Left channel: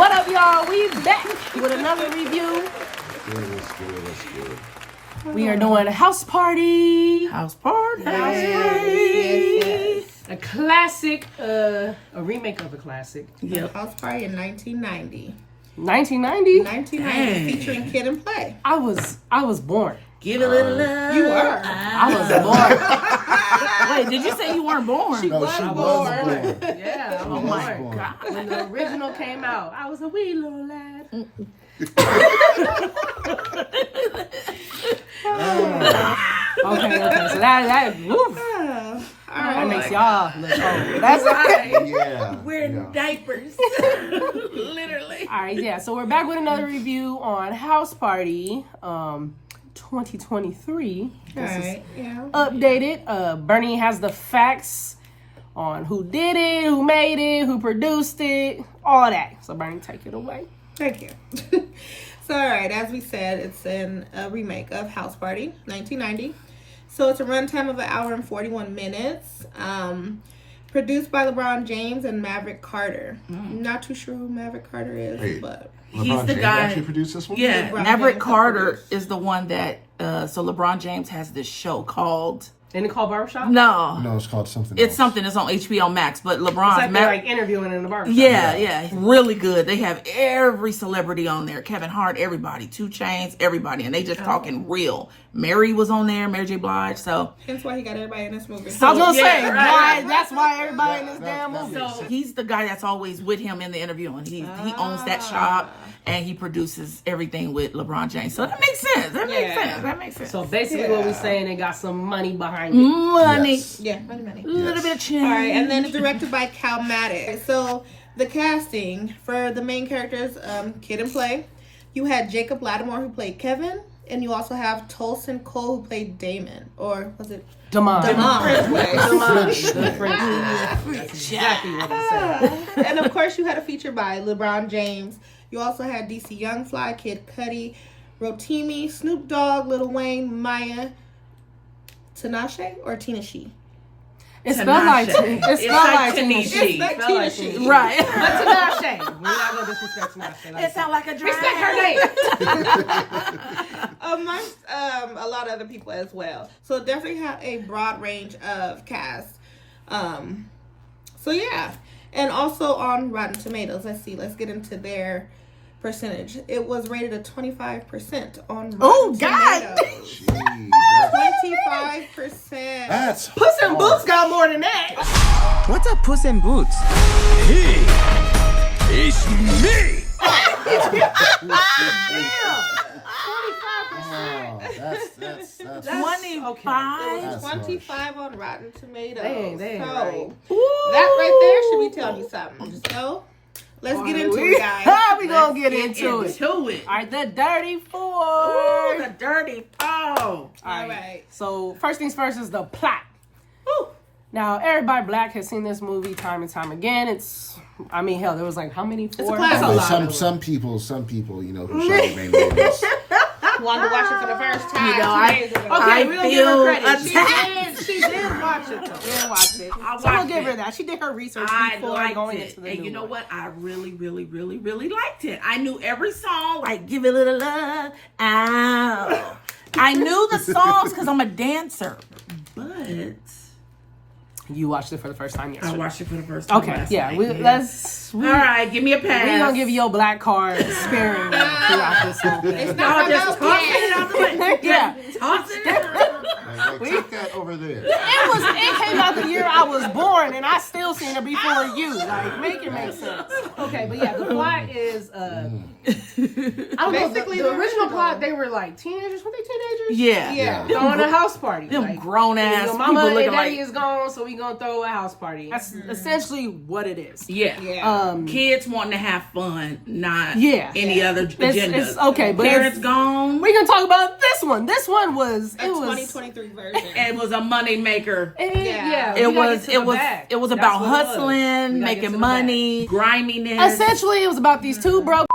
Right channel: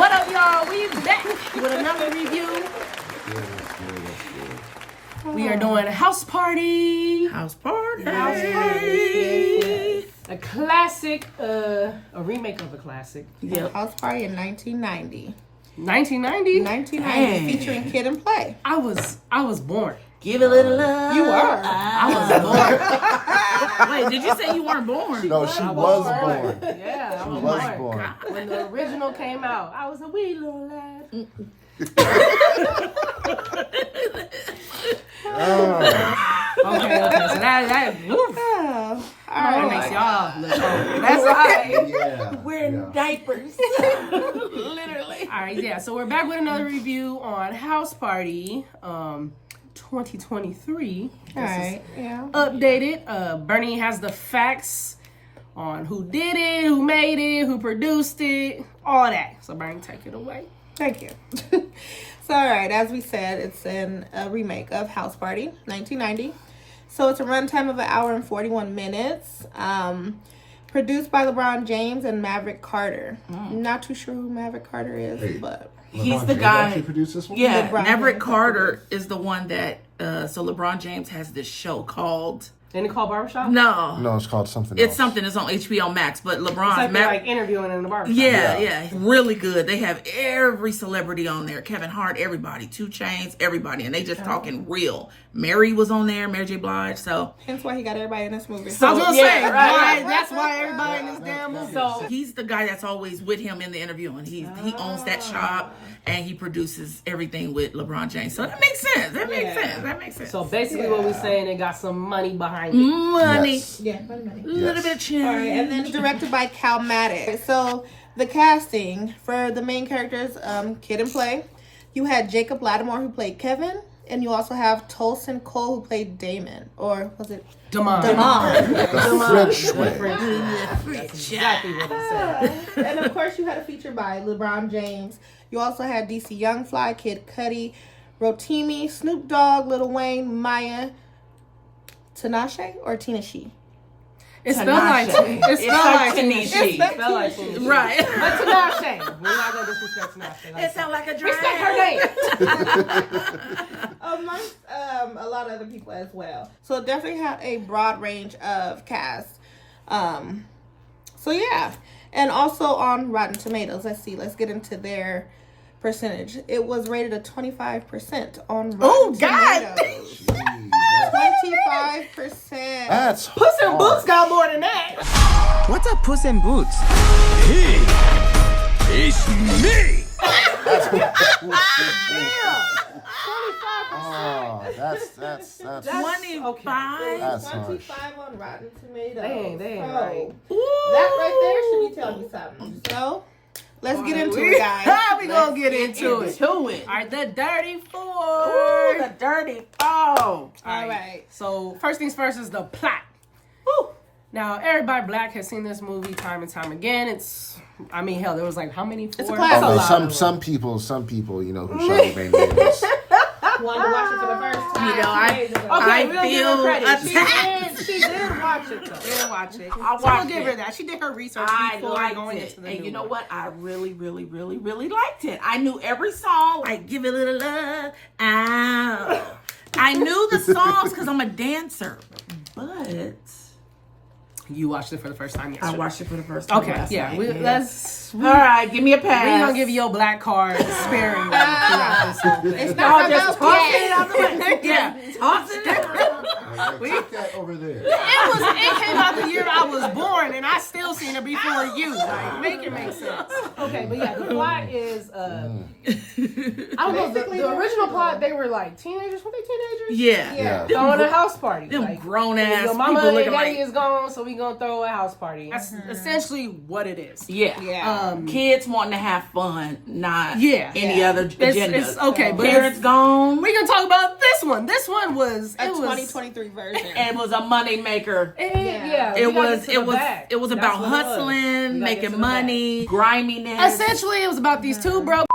What up, y'all? We back with another review. Let's good. We are doing a house party. House party. A classic, a remake of a classic. Yep. House Party in 1990. 1990? 1990, featuring Kid and Play. I was born. Give a little love. You were. I was born. Wait, did you say you weren't born? No, she was born. Yeah, I She was was born. born. When the original came out, I was a wee little lad. Okay, so that woof, that makes y'all look old. That's right. Yeah. Wearing diapers. Literally. All right, yeah. So we're back with another review on House Party, 2023. This is Alright, yeah. updated. Bernie has the facts on who did it, who made it, who produced it, all that. So Bernie, take it away. Thank you. So, alright, as we said, it's a remake of House Party, 1990. So it's a runtime of 1 hour and 41 minutes. Produced by LeBron James and Maverick Carter. I'm not too sure who Maverick Carter is, Hey. but LeBron the James guy- actually produced this one? Yeah, LeBron Maverick James Carter produced. is the one that, so LeBron James has this show called, Didn't it call Barbershop? no, No, it's called something it's else. something that's on HBO Max, but It's LeBron's, like they're like interviewing in the barbershop. yeah, really good. They have every celebrity on there. Kevin Hart, everybody. 2 Chainz, everybody. And they just talking real. Mary was on there, Mary J. Blige, so. hence why he got everybody in this movie. I was gonna Yeah, say, right. that's why everybody in this damn movie. So he's the guy that's always with him in the interview, and he owns that shop, and he produces everything with LeBron James. So that makes sense. That makes sense. So basically, what we're saying, they got some money behind it. Money, Yes. Yeah, many. a little bit of change. All right, and then it's directed by Cal Maddox. So the casting for the main characters, Kid and Play, you had Jacob Lattimore who played Kevin, and you also have Tolson Cole who played Damon, or was it Damon. Damon? Good French. That's exactly what he said. And of course, you had a feature by LeBron James. You also had DC Young Fly, Kid Cudi, Rotimi, Snoop Dogg, Lil Wayne, Maya, Tinashe or Tinashe? It's spelled like Tinashe. it's spelled like Tinashe. Tinashe. It's spelled like Tinashe. Right. But Tinashe. We're not gonna disrespect Tinashe. It sounds like a drag. Respect her name. Amongst a lot of other people as well. So it definitely had a broad range of cast. So yeah. And also on Rotten Tomatoes, let's get into their percentage. It was rated at 25% on Rotten Oh, God. Tomatoes. Jeez, 25%. that's Puss in Boots got more than that. What are Puss in Boots? Hey, it's me! Oh, that's 25. That's 25 on Rotten Tomatoes. They ain't so right. that right there should be telling you something. So let's get into it, guys. How we gonna get into it? To it. All right, the Dirty Four. Ooh, the dirty foe. All right. So first things first is the plot. Now everybody black has seen this movie time and time again. I mean, hell, there was like how many? 4? classic. Oh, lot some people, you know, who Charlamagne movies. Wanted to watch it for the first time. You know, 2 I- days ago. Okay, I we'll give her feel credit. attacked. She did watch it though. She did watch it. So we'll watched give her it. that. She did her research I before liked going it. into the And new you know one. what? I really liked it. I knew every song, like Give It a Little Love. Ow. I knew the songs because I'm a dancer. But You watched it for the first time I yesterday. watched it for the first time. Okay, last yeah. night. We All right, give me a pass. We're gonna give you your black card sparingly throughout this whole thing. Y'all just toss it out the way. Yeah. Toss it out. Like, take that over there. It came out the year I was born, and I still seen it before you. Like, make it make sense. Okay, but yeah, the plot is I don't know. The original plot, they were like teenagers. Were they teenagers? Yeah. Yeah. Throwing a house party. Them Like, grown ass your people mama and looking daddy like. is gone, so we gonna throw a house party. That's essentially what it is. Yeah. Yeah. Kids wanting to have fun, not Yeah. any other agendas. It's okay, but Parents gone. we can talk about this one. This one was A 2023 version. It was a money maker. yeah. It we gotta was get to the bag. it was That's about what it was. We hustling, gotta get to making the money, griminess. bag. Essentially, it was about these two broke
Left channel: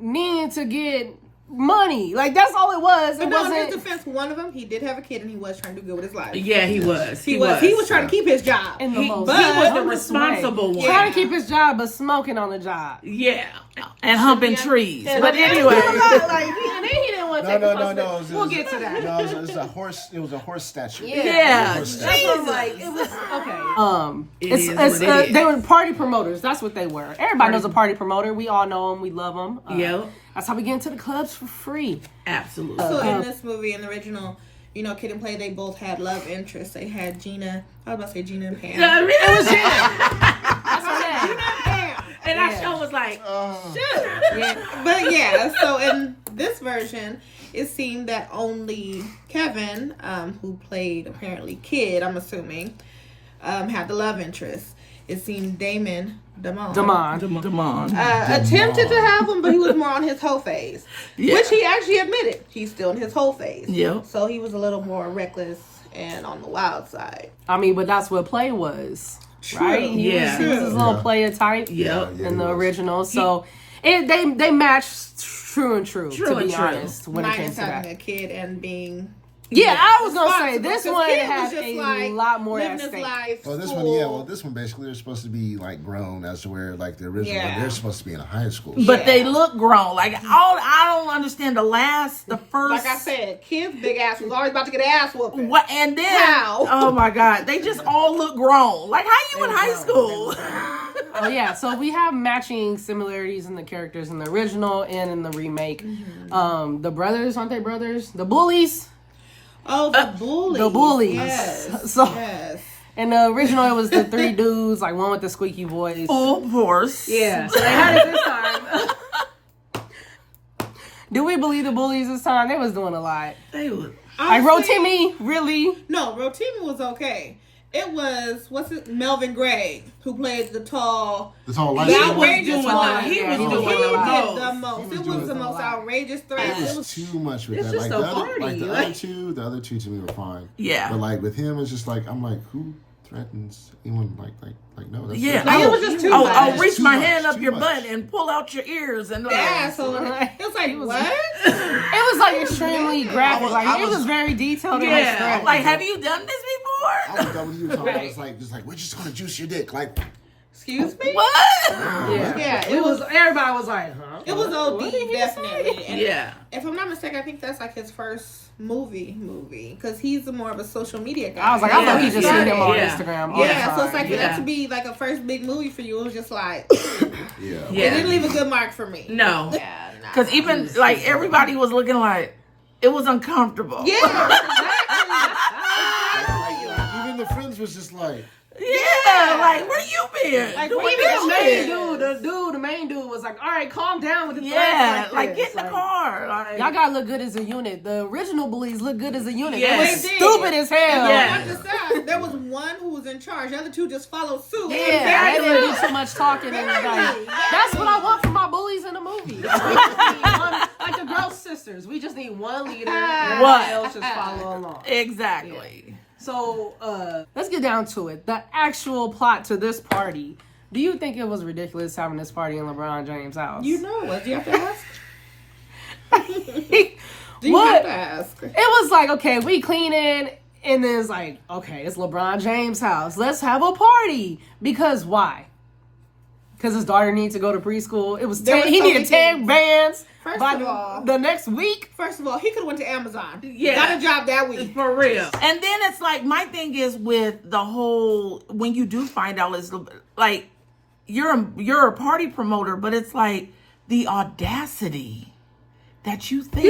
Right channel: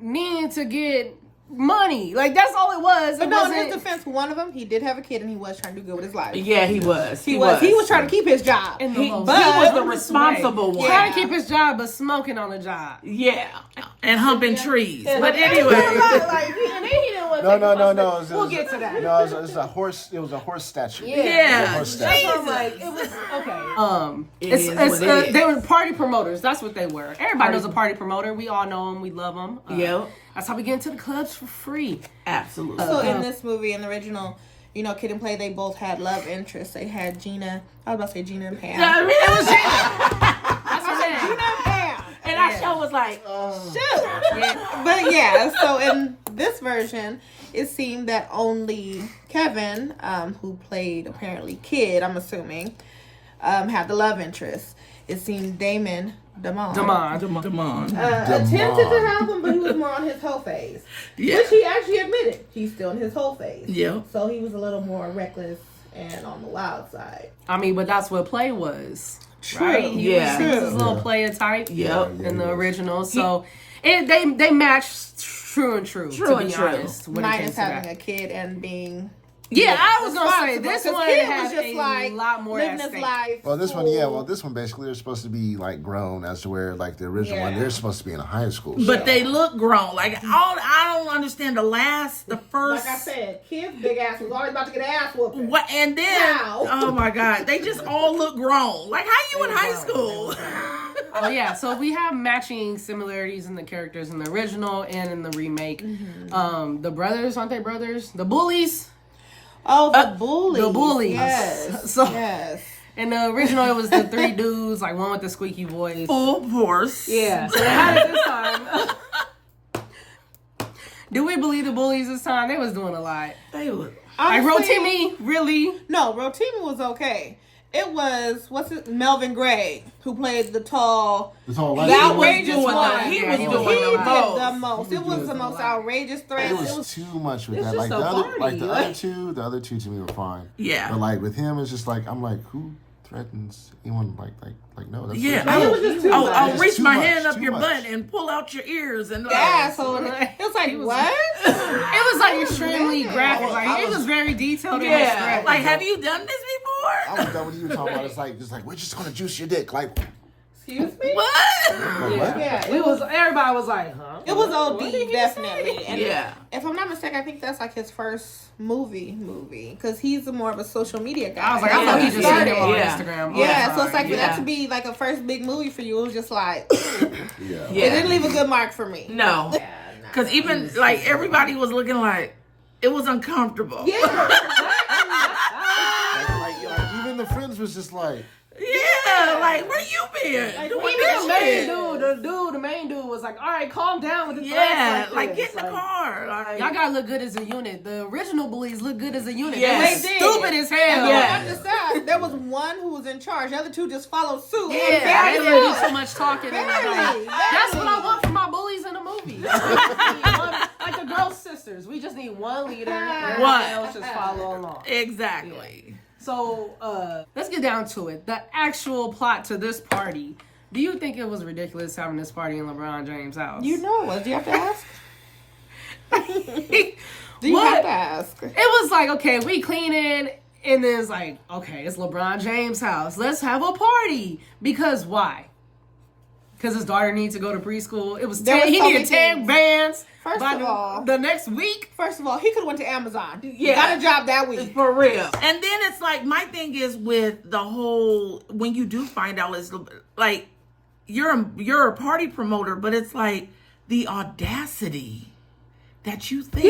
needing to get money. Like that's all it was. It But no, in his wasn't defense, one of them, he did have a kid and he was trying to do good with his life. Yeah, he was. He was trying to keep his job. in the most but- He was the dumbest responsible way. one. Trying to keep his job, but smoking on the job. Yeah, and humping trees. But Like, anyway, like, and then he didn't want to take No. responsibility. We'll get to that. No, it was a horse. It was a horse statue. Yeah. Horse That's statue. what I'm like. It was okay. It is what it is. They were party promoters. That's what they were. Everybody knows a party promoter. We all know them. We love them. Yep. That's how we get into the clubs for free. absolutely. So in this movie, in the original, you know, Kid and Play, they both had love interests. They had Gina. I was about to say Gina and Pam. It was That's what I'm saying. Pam. and that show was like, But yeah, so in this version, it seemed that only Kevin, who played apparently Kid, I'm assuming, had the love interest. It seemed Damon Damon. Damon. attempted to have him, but he was more on his whole phase, Yeah. which he actually admitted he's still in his whole phase. Yep. So he was a little more reckless and on the wild side. I mean, but that's what Play was, right? He Yeah. was his little Yeah. player type. Yep. Yeah, in the he was. original. So they matched true and true. True to and be true. honest, when it came Minus to having that. a kid and being Yeah, I was gonna say responsible, this 'cause one Kid was had just a like lot more living at his stake. life, Well, this one, school. yeah. Well, this one basically they're supposed to be like grown, as to where like the original one Yeah. they're supposed to be in a high school. But Yeah. they look grown. Like I don't understand the first. Like I said, Kid's big ass was always about to get an ass whooping. What and then How? oh my god, they just all look grown. Like how you in high school? Oh yeah, so we have matching similarities in the characters in the original and in the remake. The brothers, aren't they brothers? The bullies. Oh, the bullies. The bullies. Yes. So Yes. in the original, it was the three dudes, like one with the squeaky voice. Of course. Yeah, so they had it this time. Do we believe the bullies this time? They was doing a lot. They would. Like Honestly, Rotimi, really? No, Rotimi was okay. It was Melvin Gray who played the tall. This whole life. The He was outrageous doing one. the he Yeah, was he doing was the doing a lot. The most. most. He It was was doing the a most lot. outrageous threat. It was too much with that. just Like a the other, party, like the like- other two to me were fine. Yeah. But like with him, it's just like I'm like, who threatens anyone? Like no. That's Yeah, that's- It was just too I'll much. reach Too my much, hand up too your much. butt and pull out your ears and Yeah, so it's like what? It was like extremely graphic. Like I it was was- very detailed in his yeah. threat. Like, have you done this I before? was done with you talking about. It's like we're just gonna juice your dick. Like Excuse me? What? Yeah, it was. Everybody was like, huh? It was What OD, did he definitely. And Yeah. if I'm not mistaken, I think that's like his first movie, because he's more of a social media guy. I was like, I thought he just Yeah. seen him on Yeah. Instagram. All Yeah, the so it's like time. for Yeah. that to be like a first big movie for you, it was just like yeah. it Yeah. didn't leave a good mark for me. No. Yeah, nah. Because even like everybody was looking like it was uncomfortable. Yeah, Like, even the friends was just like, Yeah, like where you been? Doing Even this the main shit? the main dude was like, all right, calm down with the Yeah, threats like this. get in the car. Like Y'all gotta look good as a unit. The original bullies look good as a unit. Yes. They was They did. stupid as hell. Yeah. I understand. There was one who was in charge. The other two just followed suit. Yeah, they didn't do too much talking and like, that's what I want from my bullies in the movie. Like the girl sisters, we just need one leader. And What? everybody else just follow along. exactly. So let's get down to it. The actual plot to this party. Do you think it was ridiculous having this party in LeBron James' house? You know what? Do you have to ask? Do you What? have to ask? It was like, okay, we cleaning, and then it's like, okay, it's LeBron James' house. Let's have a party. Because why? Because his daughter needs to go to preschool. It was There 10, was he needed so 10 many- bands First by of all- the next week. First of all, he could have went to Amazon. Yeah. Got a job that week. For real. And then it's like my thing is with the whole when you do find out it's like you're a party promoter, but it's like the audacity that you think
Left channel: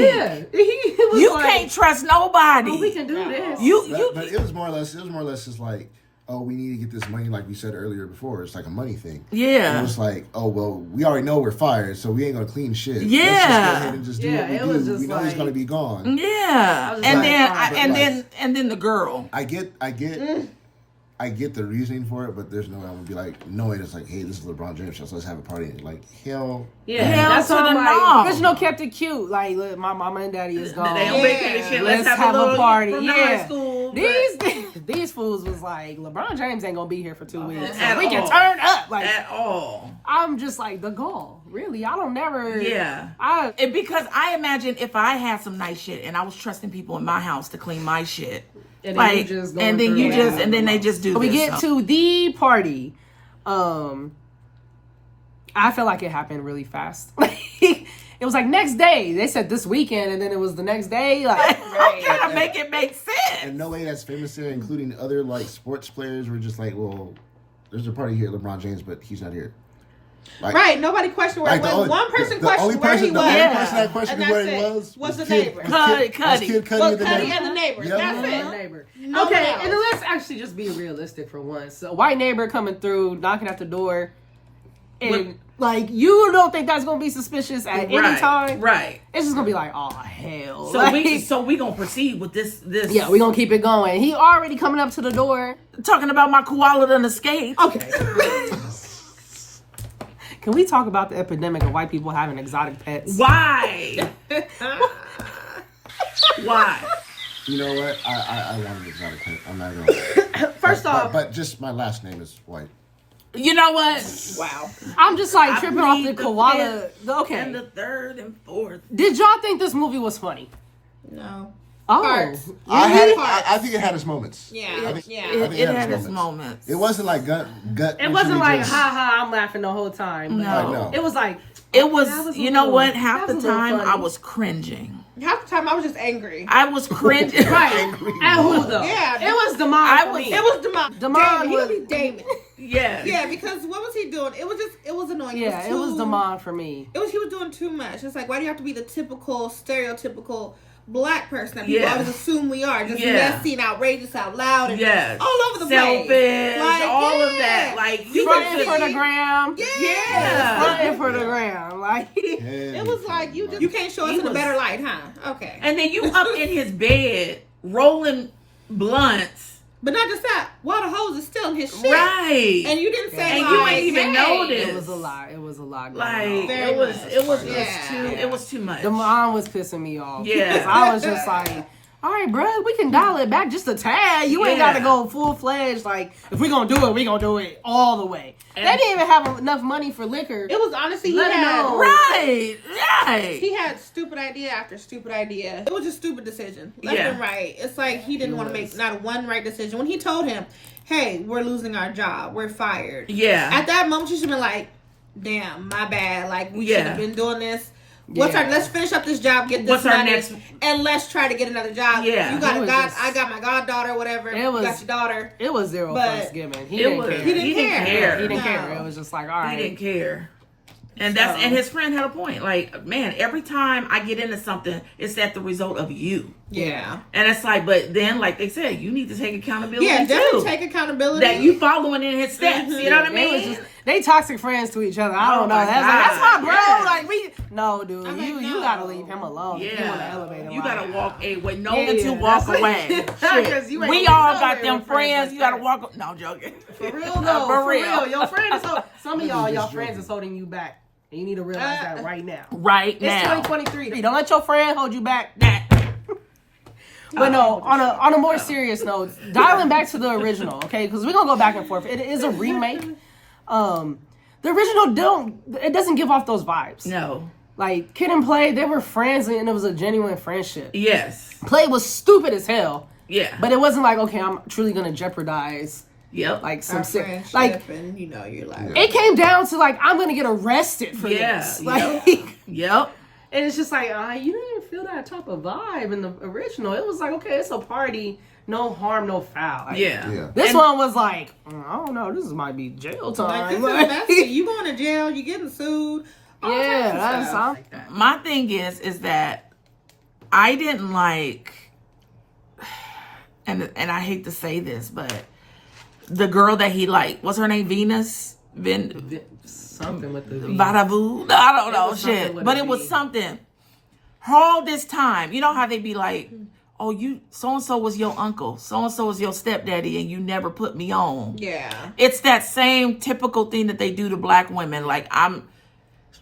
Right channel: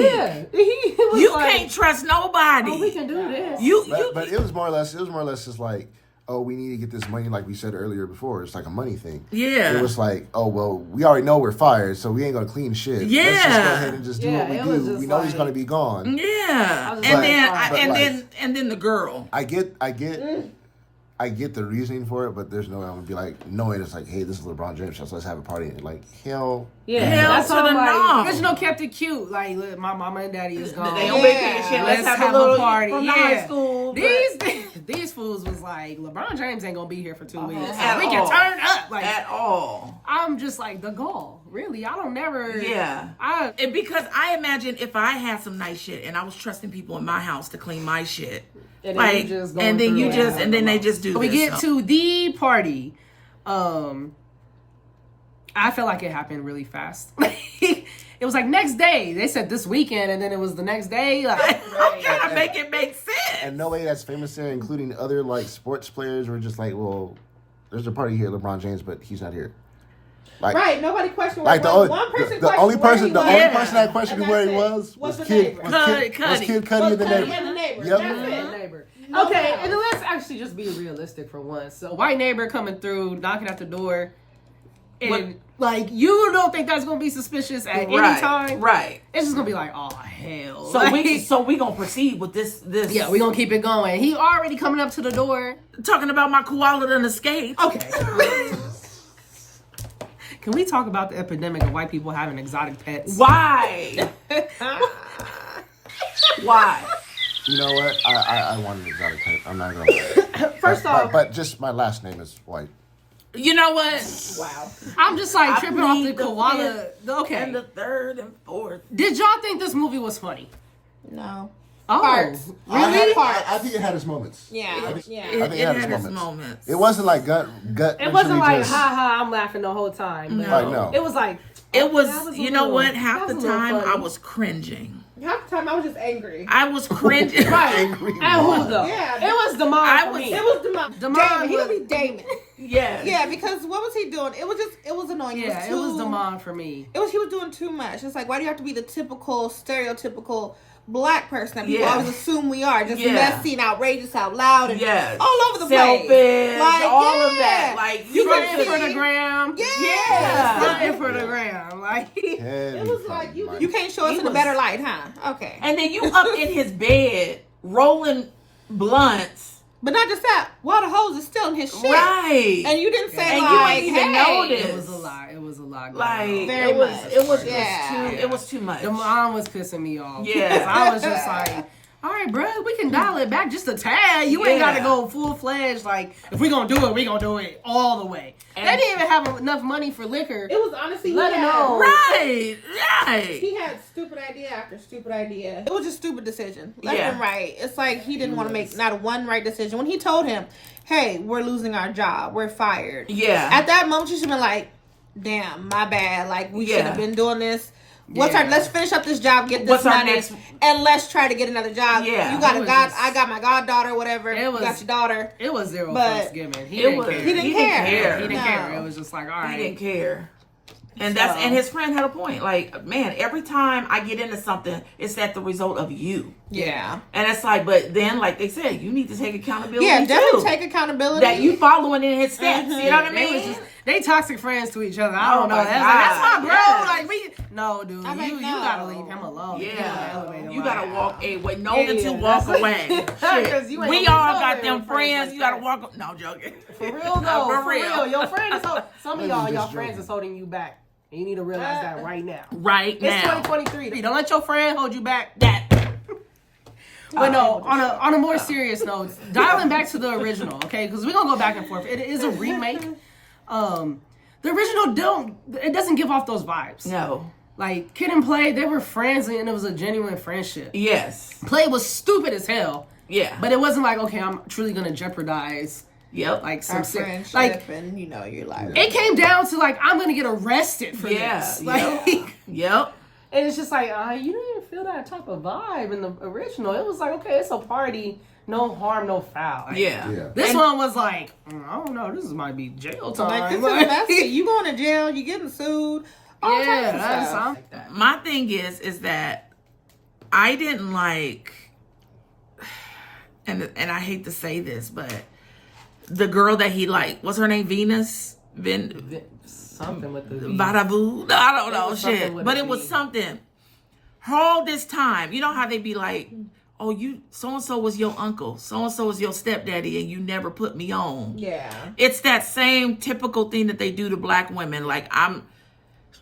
He was you like, can't trust nobody. oh, we can do this. but it was more or less just like, oh, we need to get this money, like we said earlier before. It's like a money thing. Yeah. It was like, oh well, we already know we're fired, so we ain't gonna clean shit. Let's just go Yeah. ahead and just do Yeah, what we it was do. just We know he's like- gonna be gone. Yeah. was And like, then but and then the girl. I get the reasoning for it, but there's no, I'm gonna be like, knowing it's like, hey, this is LeBron James, so let's have a party. Like, hell, Yeah, Hell that's to all the I'm no. like. Original kept it cute. Like, look, my mama and daddy is gone. They don't make that shit. Let's have a little party. from the Yeah. high school. These These fools was like, LeBron James ain't gonna be here for 2 weeks. So At we can all. turn up. Like, At all. I'm just like, the gall. Really? I don't never. Yeah. And because I imagine if I had some nice shit and I was trusting people in my house to clean my shit, And then like, you just going and then through you it. just, and then they just do. We this get to the party. I feel like it happened really fast. It was like next day. They said this weekend, and then it was the next day. Like, I'm trying to make it make sense. And no way that's famous there, including other like sports players, were just like, well, there's a party here, LeBron James, but he's not here. Like, Right, nobody questioned where Like he was. One person questioned where he the was. only person that questioned and where that's he it. was the Kid neighbor. Cuddy. Kid Cudi Was with the Cuddy neighbor. and the neighbor. Yep. That's the it. neighbor. No Okay, one and then let's actually just be realistic for once. So, white neighbor coming through, knocking at the door, and like you don't think that's gonna be suspicious at any time, Right. It's just gonna be like, oh hell. So we gonna proceed with this. Yeah, we gonna keep it going. He already coming up to the door. talking about my koala done escaped. Okay. Can we talk about the epidemic of white people having exotic pets? Why? Why? You know what? I want an exotic pet. I'm not gonna lie. First off, but just my last name is white. You know what? Wow. I'm just like I tripping off plead the the koala. Okay. And the third and fourth. Did y'all think this movie was funny? No. Oh, Parts. I think it had its moments. Yeah. I think- Yeah. I It, think it had its moments. It wasn't like gut. it wasn't like ha ha. I'm laughing the whole time. No. No. It was like It was, that was a you know little- what? that Half was the a little time funny. I was cringing. Half the time I was just angry. I was cringing. right. And who though? Yeah. It was Damon I for was- me. It was Damon. Damon was- He Damon. Yes. Yeah, because what was he doing? It was annoying. Yeah, it was Damon for me. He was doing too much. It's like, why do you have to be the typical, stereotypical black person that people Yeah. always assume we are? Just Yeah. messy and outrageous out loud and Yes. all over the Selfish, place. Like, all of yeah. that. Like, you Fronting just- for the gram. Yeah. Fronting for the gram. Like It was like, you can't show us He in a was- better light, huh? Okay. And then you up in his bed rolling blunts. But not just that, while the hose is still in his shit. Right. And you didn't say And like, you ain't even hey. noticed. it was a lot. It was a lot. Going Like on. Very it was much. it was Yeah. too it was too much. Damon was pissing me off. Yeah. Because I was just like, all right, bro, we can dial it back just a tad. You ain't Yeah. got to go full fledged. Like, if we gonna do it, we gonna do it all the way. And- they didn't even have enough money for liquor. It was honestly, Let he it had, know. Right. Right. he had stupid idea after stupid idea. It was a stupid decision. Left Yeah. and right. It's like he didn't It want to was. make not one right decision. When he told him, hey, we're losing our job, we're fired. Yeah. At that moment, you should have been like, damn, my bad. Like, we Yeah. should have been doing this. Let's finish up this job, get this What's our money, next- and let's try to get another job. Yeah. You got It a was god, just- I got my goddaughter, whatever. It You was- got your daughter. It was zero But fucks given. He It didn't was care. He didn't care. He didn't No. care. It was just like, all He right. didn't care. And that's and his friend had a point. Like, man, every time I get into something, it's that the result of you. Yeah. And it's like, but then, like they said, you need to take accountability Yeah, too. definitely take accountability. That you following in his steps. You know what I They was mean? just- they toxic friends to each other. I Oh don't know. my That's my God. bro. Yes. Like we, no, dude. I mean, you no. gotta leave him alone. He on the Yeah, elevator. you gotta walk away. No Yeah, one to yeah, walk that's- away. 'Cause Shit. you ain't We gonna all be got nowhere them with friends friends. like You gotta that. walk. No, I'm joking. For real though. For real. Your friend is some of y'all just friends joking. is holding you back. And you need to realize that right now. Right It's now. 2023. Don't let your friend hold you back. That. But no, on a more serious note, dialing back to the original, okay? Because we're gonna go back and forth. It is a remake. The original doesn't give off those vibes. No. Like Kid and Play, they were friends and it was a genuine friendship. Yes. Play was stupid as hell, Yeah. but it wasn't like, okay, I'm truly gonna jeopardize Yep. like some Our sick. friendship, Like and you're like, it came down to like I'm gonna get arrested for Yeah, this. yep. Like. Yep. And it's just like, you didn't feel that type of vibe in the original. It was like, okay, it's a party, no harm, no foul. Like, Yeah. Yeah. This And- one was like, I don't know, this might be jail like time. this Like, is invested. You going to jail? You getting sued? All yeah, types of that's stuff. something. My thing is that I didn't like, and I hate to say this, but the girl that he liked, what's her name? Venus? Something with the Badavu? No, I don't know was something shit. with But a it was V. something. All this time, you know how they be like, oh, you so and so was your uncle, so and so was your stepdaddy, and you never put me on. Yeah. It's that same typical thing that they do to black women. Like, I'm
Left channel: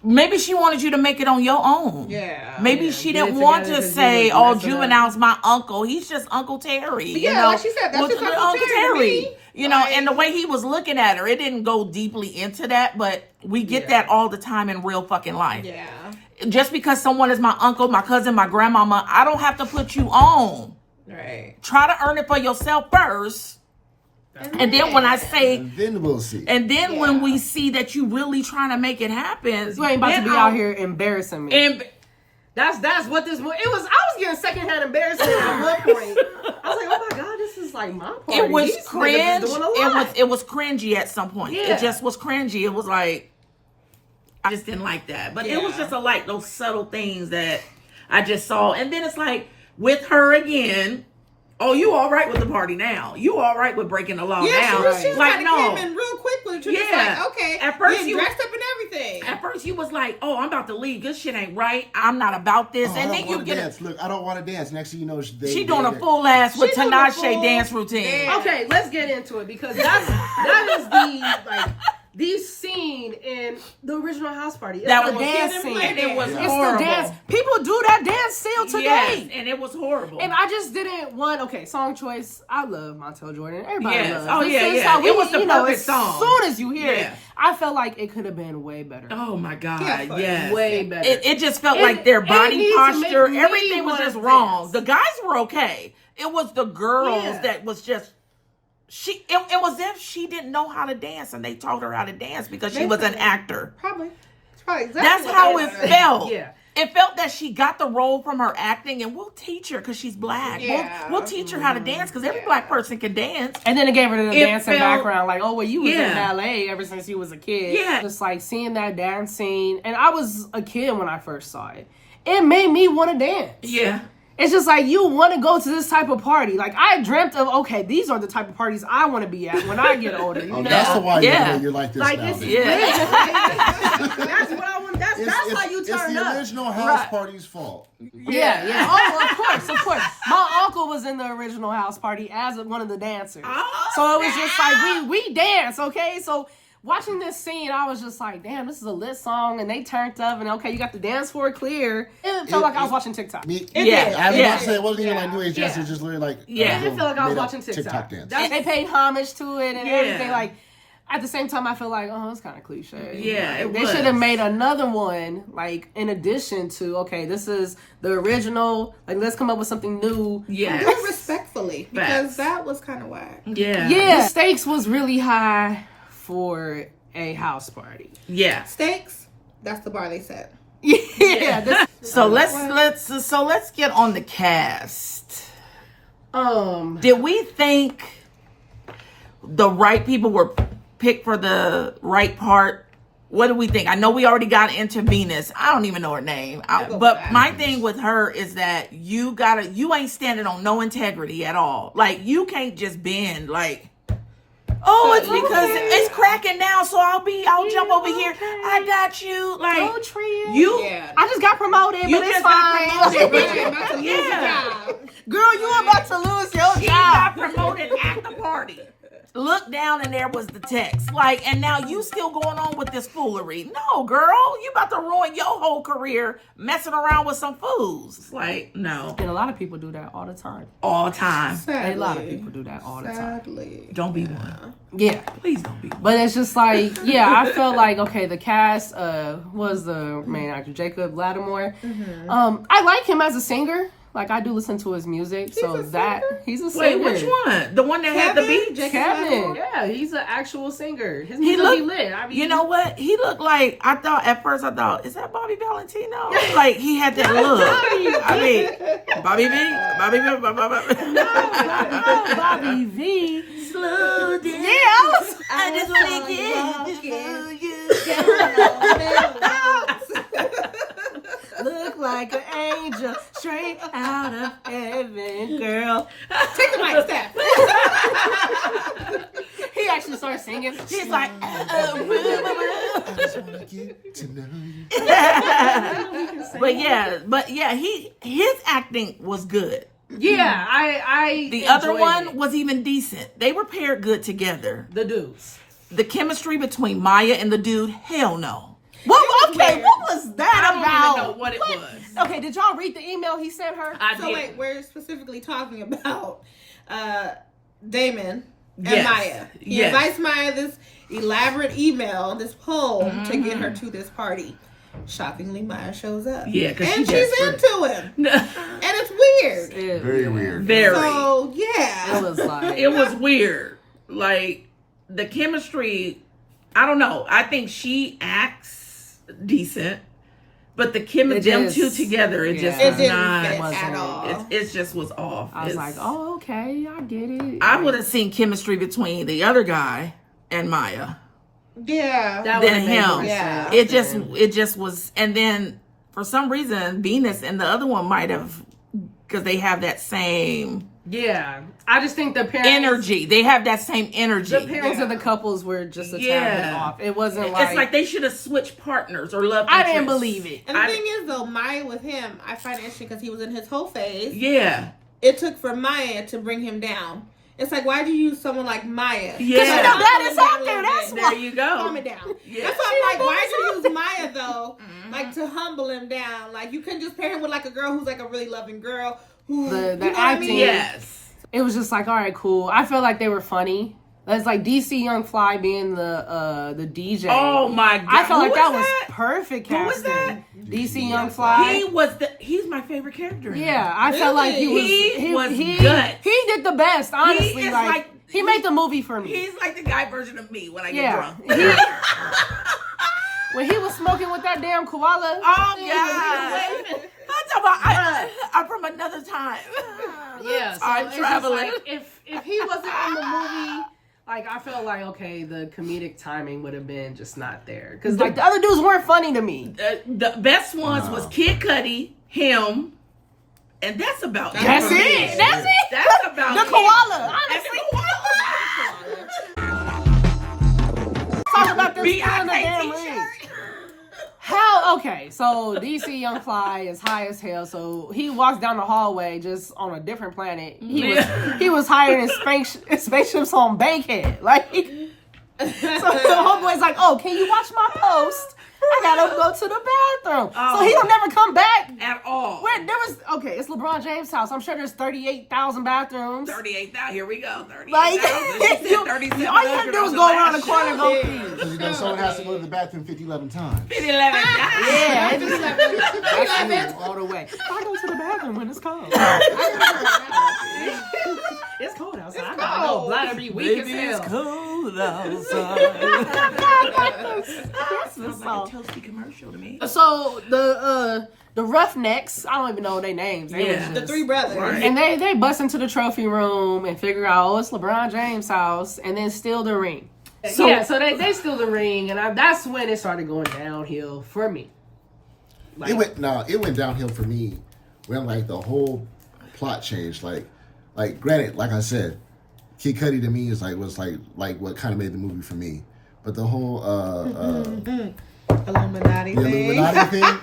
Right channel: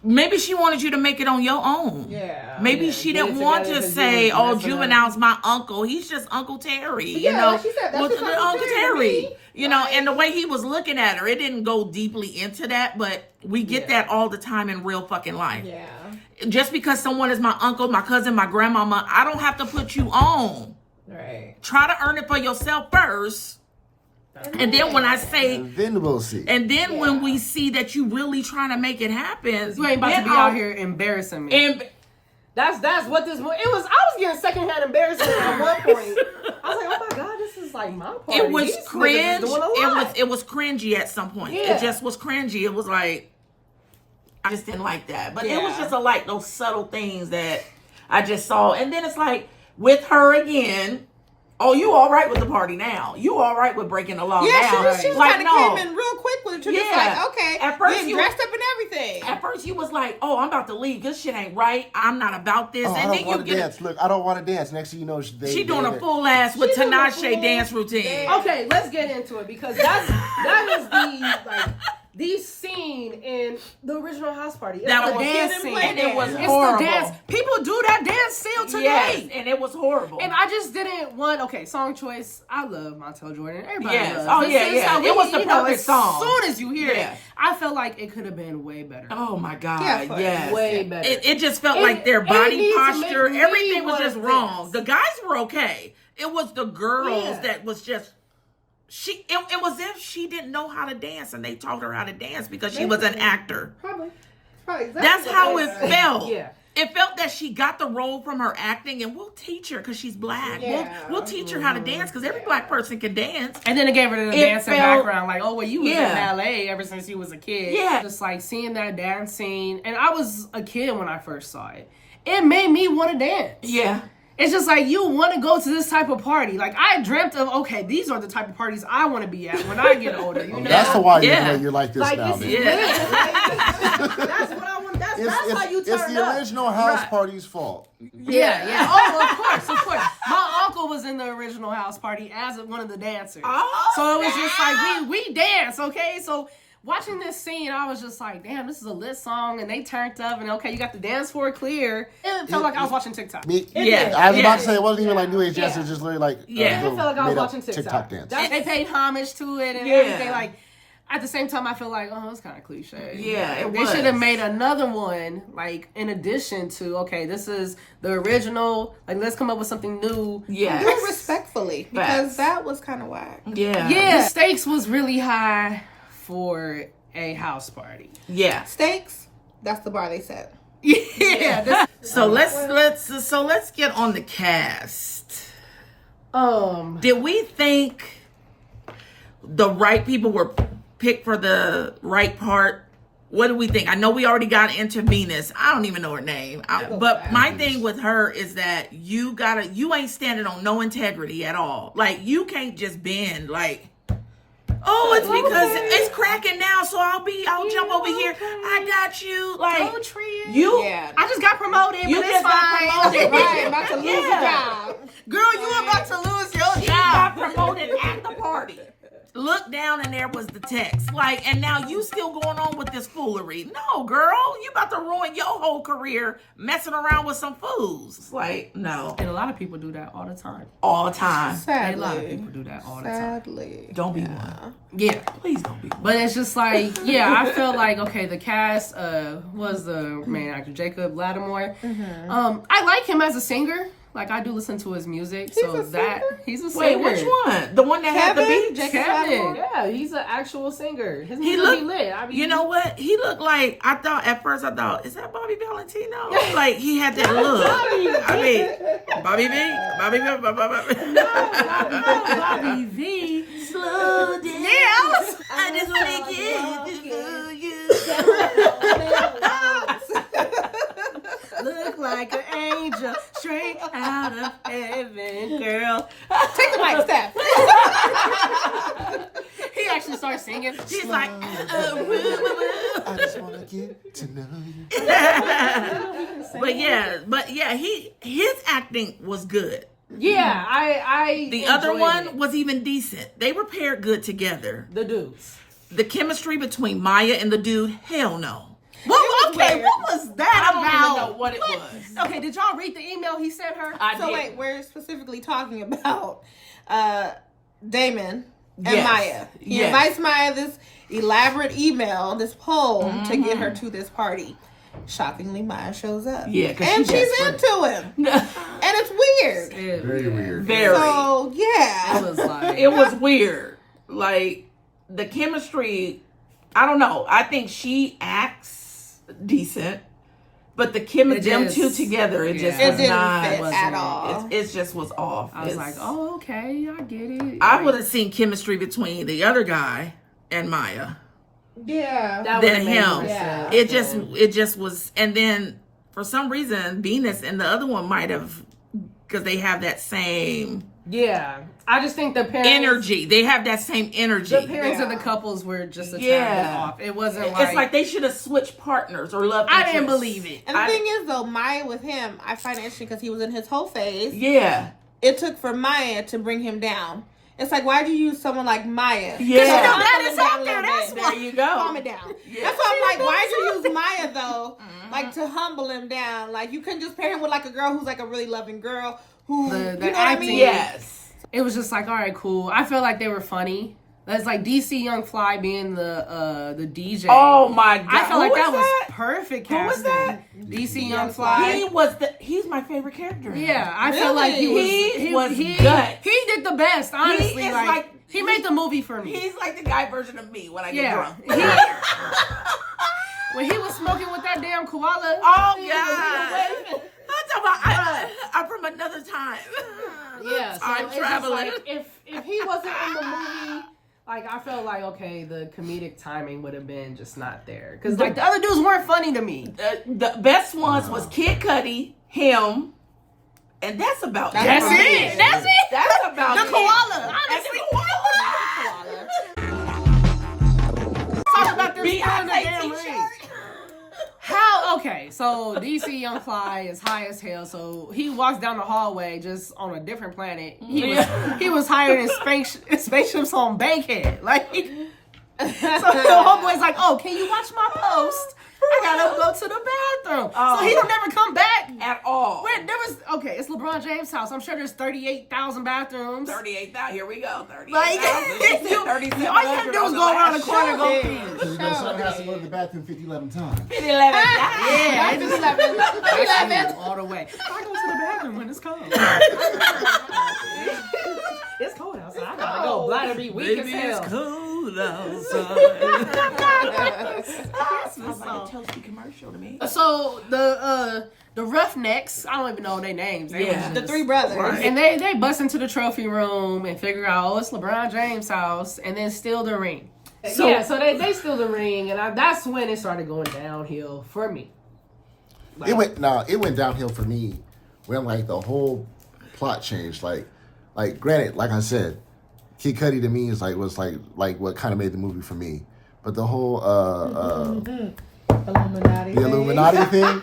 maybe she wanted you to make it on your own. Yeah. Maybe she get didn't it want together to 'cause say, you was "Oh, messing up." Juvenile's my uncle. He's just Uncle Terry." Yeah, you know, like she said, that's was just Uncle Terry to me. You know, Like- and the way he was looking at her, it didn't go deeply into that, but we get that all the time in real fucking life. Yeah. Just because someone is my uncle, my cousin, my grandmama, I don't have to put you on. Right. Try to earn it for yourself first. And then when I say, And then we'll see. and then when we see that you really trying to make it happen, You ain't about to then be I'll- out here embarrassing me. And That's what this it was. I was getting secondhand embarrassment at one point. I was like, oh my god, this is like my party. it was These niggas cringe. is doing a lot. It was cringy at some point. Yeah. It just was cringy. It was like I just didn't like that. But it was Yeah. just like those subtle things that I just saw. And then it's like with her again. Oh, you all right with the party now? You all right with breaking the law Yeah, now? she was Like kind of no. came in real quick with you. Yeah. Just like, okay. At first you you- dressed up and everything. At first, you was like, "Oh, I'm about to leave. This shit ain't right. I'm not about this." Oh, I and don't then you want to get dance. Look, I don't want to dance. Next thing you know, she doing a full ass with She doing a Tinashe full dance routine. dance. Okay, let's get into it because that is the like the scene in the original house party. It's That the was dance Get 'em scene. like And it was It's horrible. the dance. People do that dance still today. Yes, and it was horrible. And I just didn't want. Okay, song choice. I love Montel Jordan. Everybody Yes. loves. Oh, This yeah, is yeah. how It was the you know, perfect song. As soon as you hear Yeah. it, I felt like it could have been way better. oh my god, Yeah, yes, way better. It just felt It- like their it body needs to posture, make me everything was wanna just wrong. dance. The guys were okay. It was the girls Yeah. that was just. It was as if she didn't know how to dance, and they taught her how to dance because she was an actor. Probably. Exactly That's what how they it said. felt. Yeah. It felt that she got the role from her acting, and we'll teach her because she's black. Yeah. We'll teach her how to dance because every black person can dance. And then it gave her the It dancing felt- background, like, oh, well, you was Yeah. in ballet ever since you was a kid. Yeah. Just like seeing that dance scene. And I was a kid when I first saw it. It made me want to dance. Yeah. It's just like you want to go to this type of party. Like I dreamt of, okay, these are the type of parties I want to be at when I get older. You Oh, know? that's the why Yeah. you're like this Like now. it's man. That's what I want. That's how you It's turn the up. original house Right. party's fault. Yeah. Oh, of course. My uncle was in the original house party as one of the dancers. Oh, So it was just like we dance, okay? So watching this scene, I was just like, damn, this is a lit song, and they turned up, and okay, you got the dance floor clear. It felt like I was watching TikTok. Me, Yeah. I was Yeah. about to say it wasn't even like New Age dance. Yeah. It was just literally like Yeah. a I little felt like I was made-up watching TikTok. TikTok dance. They paid homage to it and Yeah. everything. Like at the same time, I feel like, oh, it's kind of cliche. Yeah, Like, it they was. should have made another one, like in addition to, okay, this is the original. Like, let's come up with something new. Do it Yes. respectfully. Facts. Because that was kind of whack. Yeah. Yeah, the stakes was really high for a house party. Yeah. Steaks, that's the bar they set. Yeah. This, So let's get on the cast. Did we think the right people were picked for the right part? What do we think? I know we already got into Venus. I don't even know her name. But my thing with her is that you ain't standing on no integrity at all. Like you can't just bend like, oh, it's because it's cracking now, so I'll jump over here. I got you. Like Go Tria. you Yeah. I just got promoted, You but it's just got fine. promoted. Right, I'm about to lose Yeah. a job. Girl, you about to lose your She job. got promoted at the party. Look down and there was the text. Like, and now you still going on with this foolery. No, girl, you about to ruin your whole career messing around with some fools. It's like, no. And a lot of people do that all the time. All the time. Sadly. A lot of people do that all the time. Sadly. Don't be one. Yeah. Please don't be one. But it's just like, yeah, I felt like, okay, the cast was the main actor, Jacob Lattimore. I like him as a singer. Like, I do listen to his music. a So that, singer? he's a Wait, singer. which one? The one that had the Kevin? beach? Jacob Kevin. Lattimore? Yeah, he's an actual singer. His He music looked, be lit. I mean, you know what? He looked like, at first I thought, is that Bobby Valentino? Like, he had that look. I mean, Bobby V? Bobby V? Bobby V. Slow down. Yeah, I just want to get to you. look like an angel straight out of heaven, girl. Take it like that. He actually started singing. She's like, I just want to get to know you. but yeah, his acting was good. Yeah, I The other enjoyed one it. was even decent. They were paired good together. The dudes. The chemistry between Maya and the dude, hell no. Okay, what was that I don't even know about? what it was. Okay, did y'all read the email he sent her? I So did. wait, we're specifically talking about Damon and Yes. Maya. He Yes. invites Maya this elaborate email, this poll to get her to this party. Shockingly, Maya shows up. Yeah, 'cause and she she's desperate. into him, and it's weird. Very weird. Very. So yeah, It was like It was weird. Like the chemistry, I don't know. I think she acts decent, but the chemistry, them two together, it just yeah. it was didn't not. fit at all. It just was off. I was like, oh, okay, I get it. I would have seen chemistry between the other guy and Maya Yeah, That than would've made him. more Yeah. sense. It just was. And then for some reason, Venus and the other one might have, because they have that same Yeah, I just think the parents, energy. They have that same energy. the parents of the couples were just a tad bit Yeah. off. It wasn't like, It's like they should have switched partners or love I didn't interests. believe it. and the I- thing is, though, Maya with him, I find it interesting because he was in his whole phase. Yeah. It took for Maya to bring him down. It's like, why'd you use someone like Maya? Yeah. Because Calm that is out there. That's There why. you Calm go. it down. Yeah. That's why I'm like, why'd you use Maya though? Like to humble him down. Like you couldn't just pair him with like a girl who's like a really loving girl who The you know what acting- I mean? Yes. It was just like, all right, cool. I feel like they were funny. That's like DC Young Fly being the DJ. Oh my god. I felt like Who that was was perfect Who was casting. that? DC Young Fly. He's my favorite character. in Yeah, it. I felt like he was. He was he, guts. He did the best, honestly. He is like, like- he made the movie for me. He's like the guy version of me when I get Yeah. drunk. When he was smoking with that damn koala. Oh god. I'm talking about, I'm from another time. Yeah, so Time it's just traveling. like, if he wasn't in the movie, like I felt like okay, the comedic timing would have been just not there because like the other dudes weren't funny to me. The best ones was Kid Cudi, him, and that's about it. That's for me. it. That's it. That's about The it. koala. And Honestly, the koala. talk about this in the Beyonce damn ring. t-shirt. How? Okay, so DC Young Fly is high as hell. So he walks down the hallway just on a different planet. He was higher in spaceships on Bankhead. Like, so the homeboy's like, "Oh, can you watch my post? I gotta go to the bathroom." So he'll never come back. At all. Wait, there was okay. It's LeBron James' house. I'm sure there's 38,000 bathrooms. 38,000. Here we go. 38,000. Like, She said 37. all you gotta do is go around the corner and go pee. Because you know someone has to go to the bathroom 11 times. 11. Yeah, it's just that's you all the way. I go to the bathroom when it's cold. It's cold outside. I gotta go bladder be weak as hell. cold outside. Christmas Sounds like a toasty commercial to me. So the Roughnecks, I don't even know their names. They Yeah. was The just- three brothers. Right. and they bust into the trophy room and figure out, oh, it's LeBron James' house, and then steal the ring. So- So they steal the ring, and that's when it started going downhill for me. Like, It went downhill for me when like the whole plot changed. Like granted, like I said, Kid Cudi to me was what kind of made the movie for me. But the whole Illuminati. the Illuminati thing,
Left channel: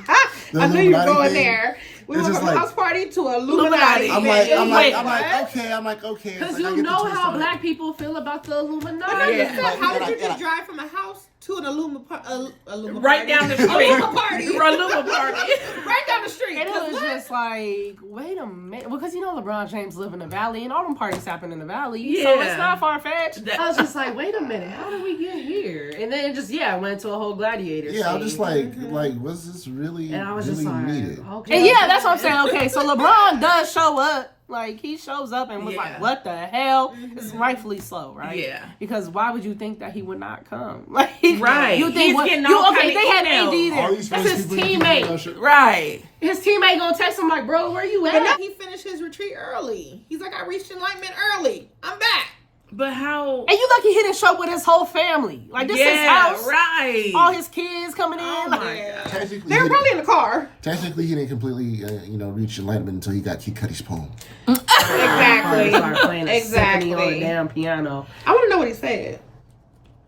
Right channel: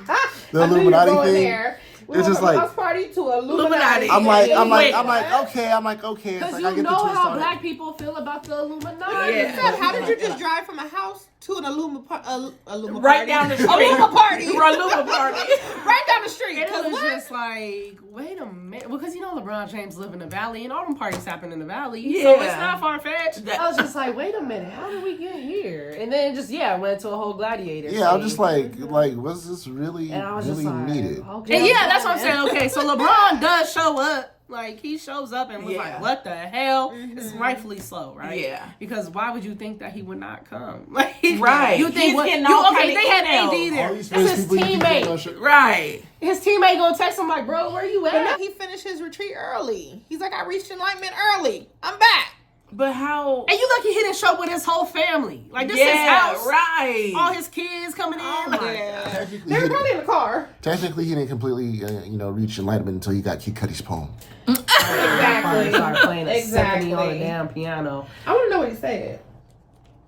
the I knew you were Illuminati going thing. there. We It's went just from a like- house party to Illuminati. I'm Wait, like, okay. It's because like, I you get the know twist how on it. black people feel about the Illuminati. Yeah. How would you And just I- drive from a house to an Illuma Right down the street. Illuma party. Illuma party. Right down the street. And it 'Cause was what? just like, wait a minute, because you know LeBron James live in the valley, and all them parties happen in the valley, so Yeah. it's not far fetched. That- I was just like, wait a minute, how did we get here? And then it just went to a whole gladiator. Yeah, I'm scene. just like, was this really, and I was really just like, needed? okay. And yeah, that's what I'm saying. Okay, so LeBron does show up. Like, he shows up and was Yeah. like, what the hell? It's rightfully so, right? Yeah. Because why would you think that he would not come? Like, Right. You think He's what? getting You, all okay, kinda they had emails. AD there. All these That's famous his people you keep teammate. on show- Right. His teammate gonna text him like, bro, where you And at? then he finished his retreat early. He's like, I reached enlightenment early. I'm back. But how? And you lucky he didn't show up with his whole family. Like, this is his Yeah, house. right. All his kids coming in. Oh like, my Yeah. Technically, They were probably in the car. technically, he didn't completely, reach enlightenment until he got Kid Cudi's poem. Exactly. Start playing a symphony on the Exactly. damn piano. I want to know what he said.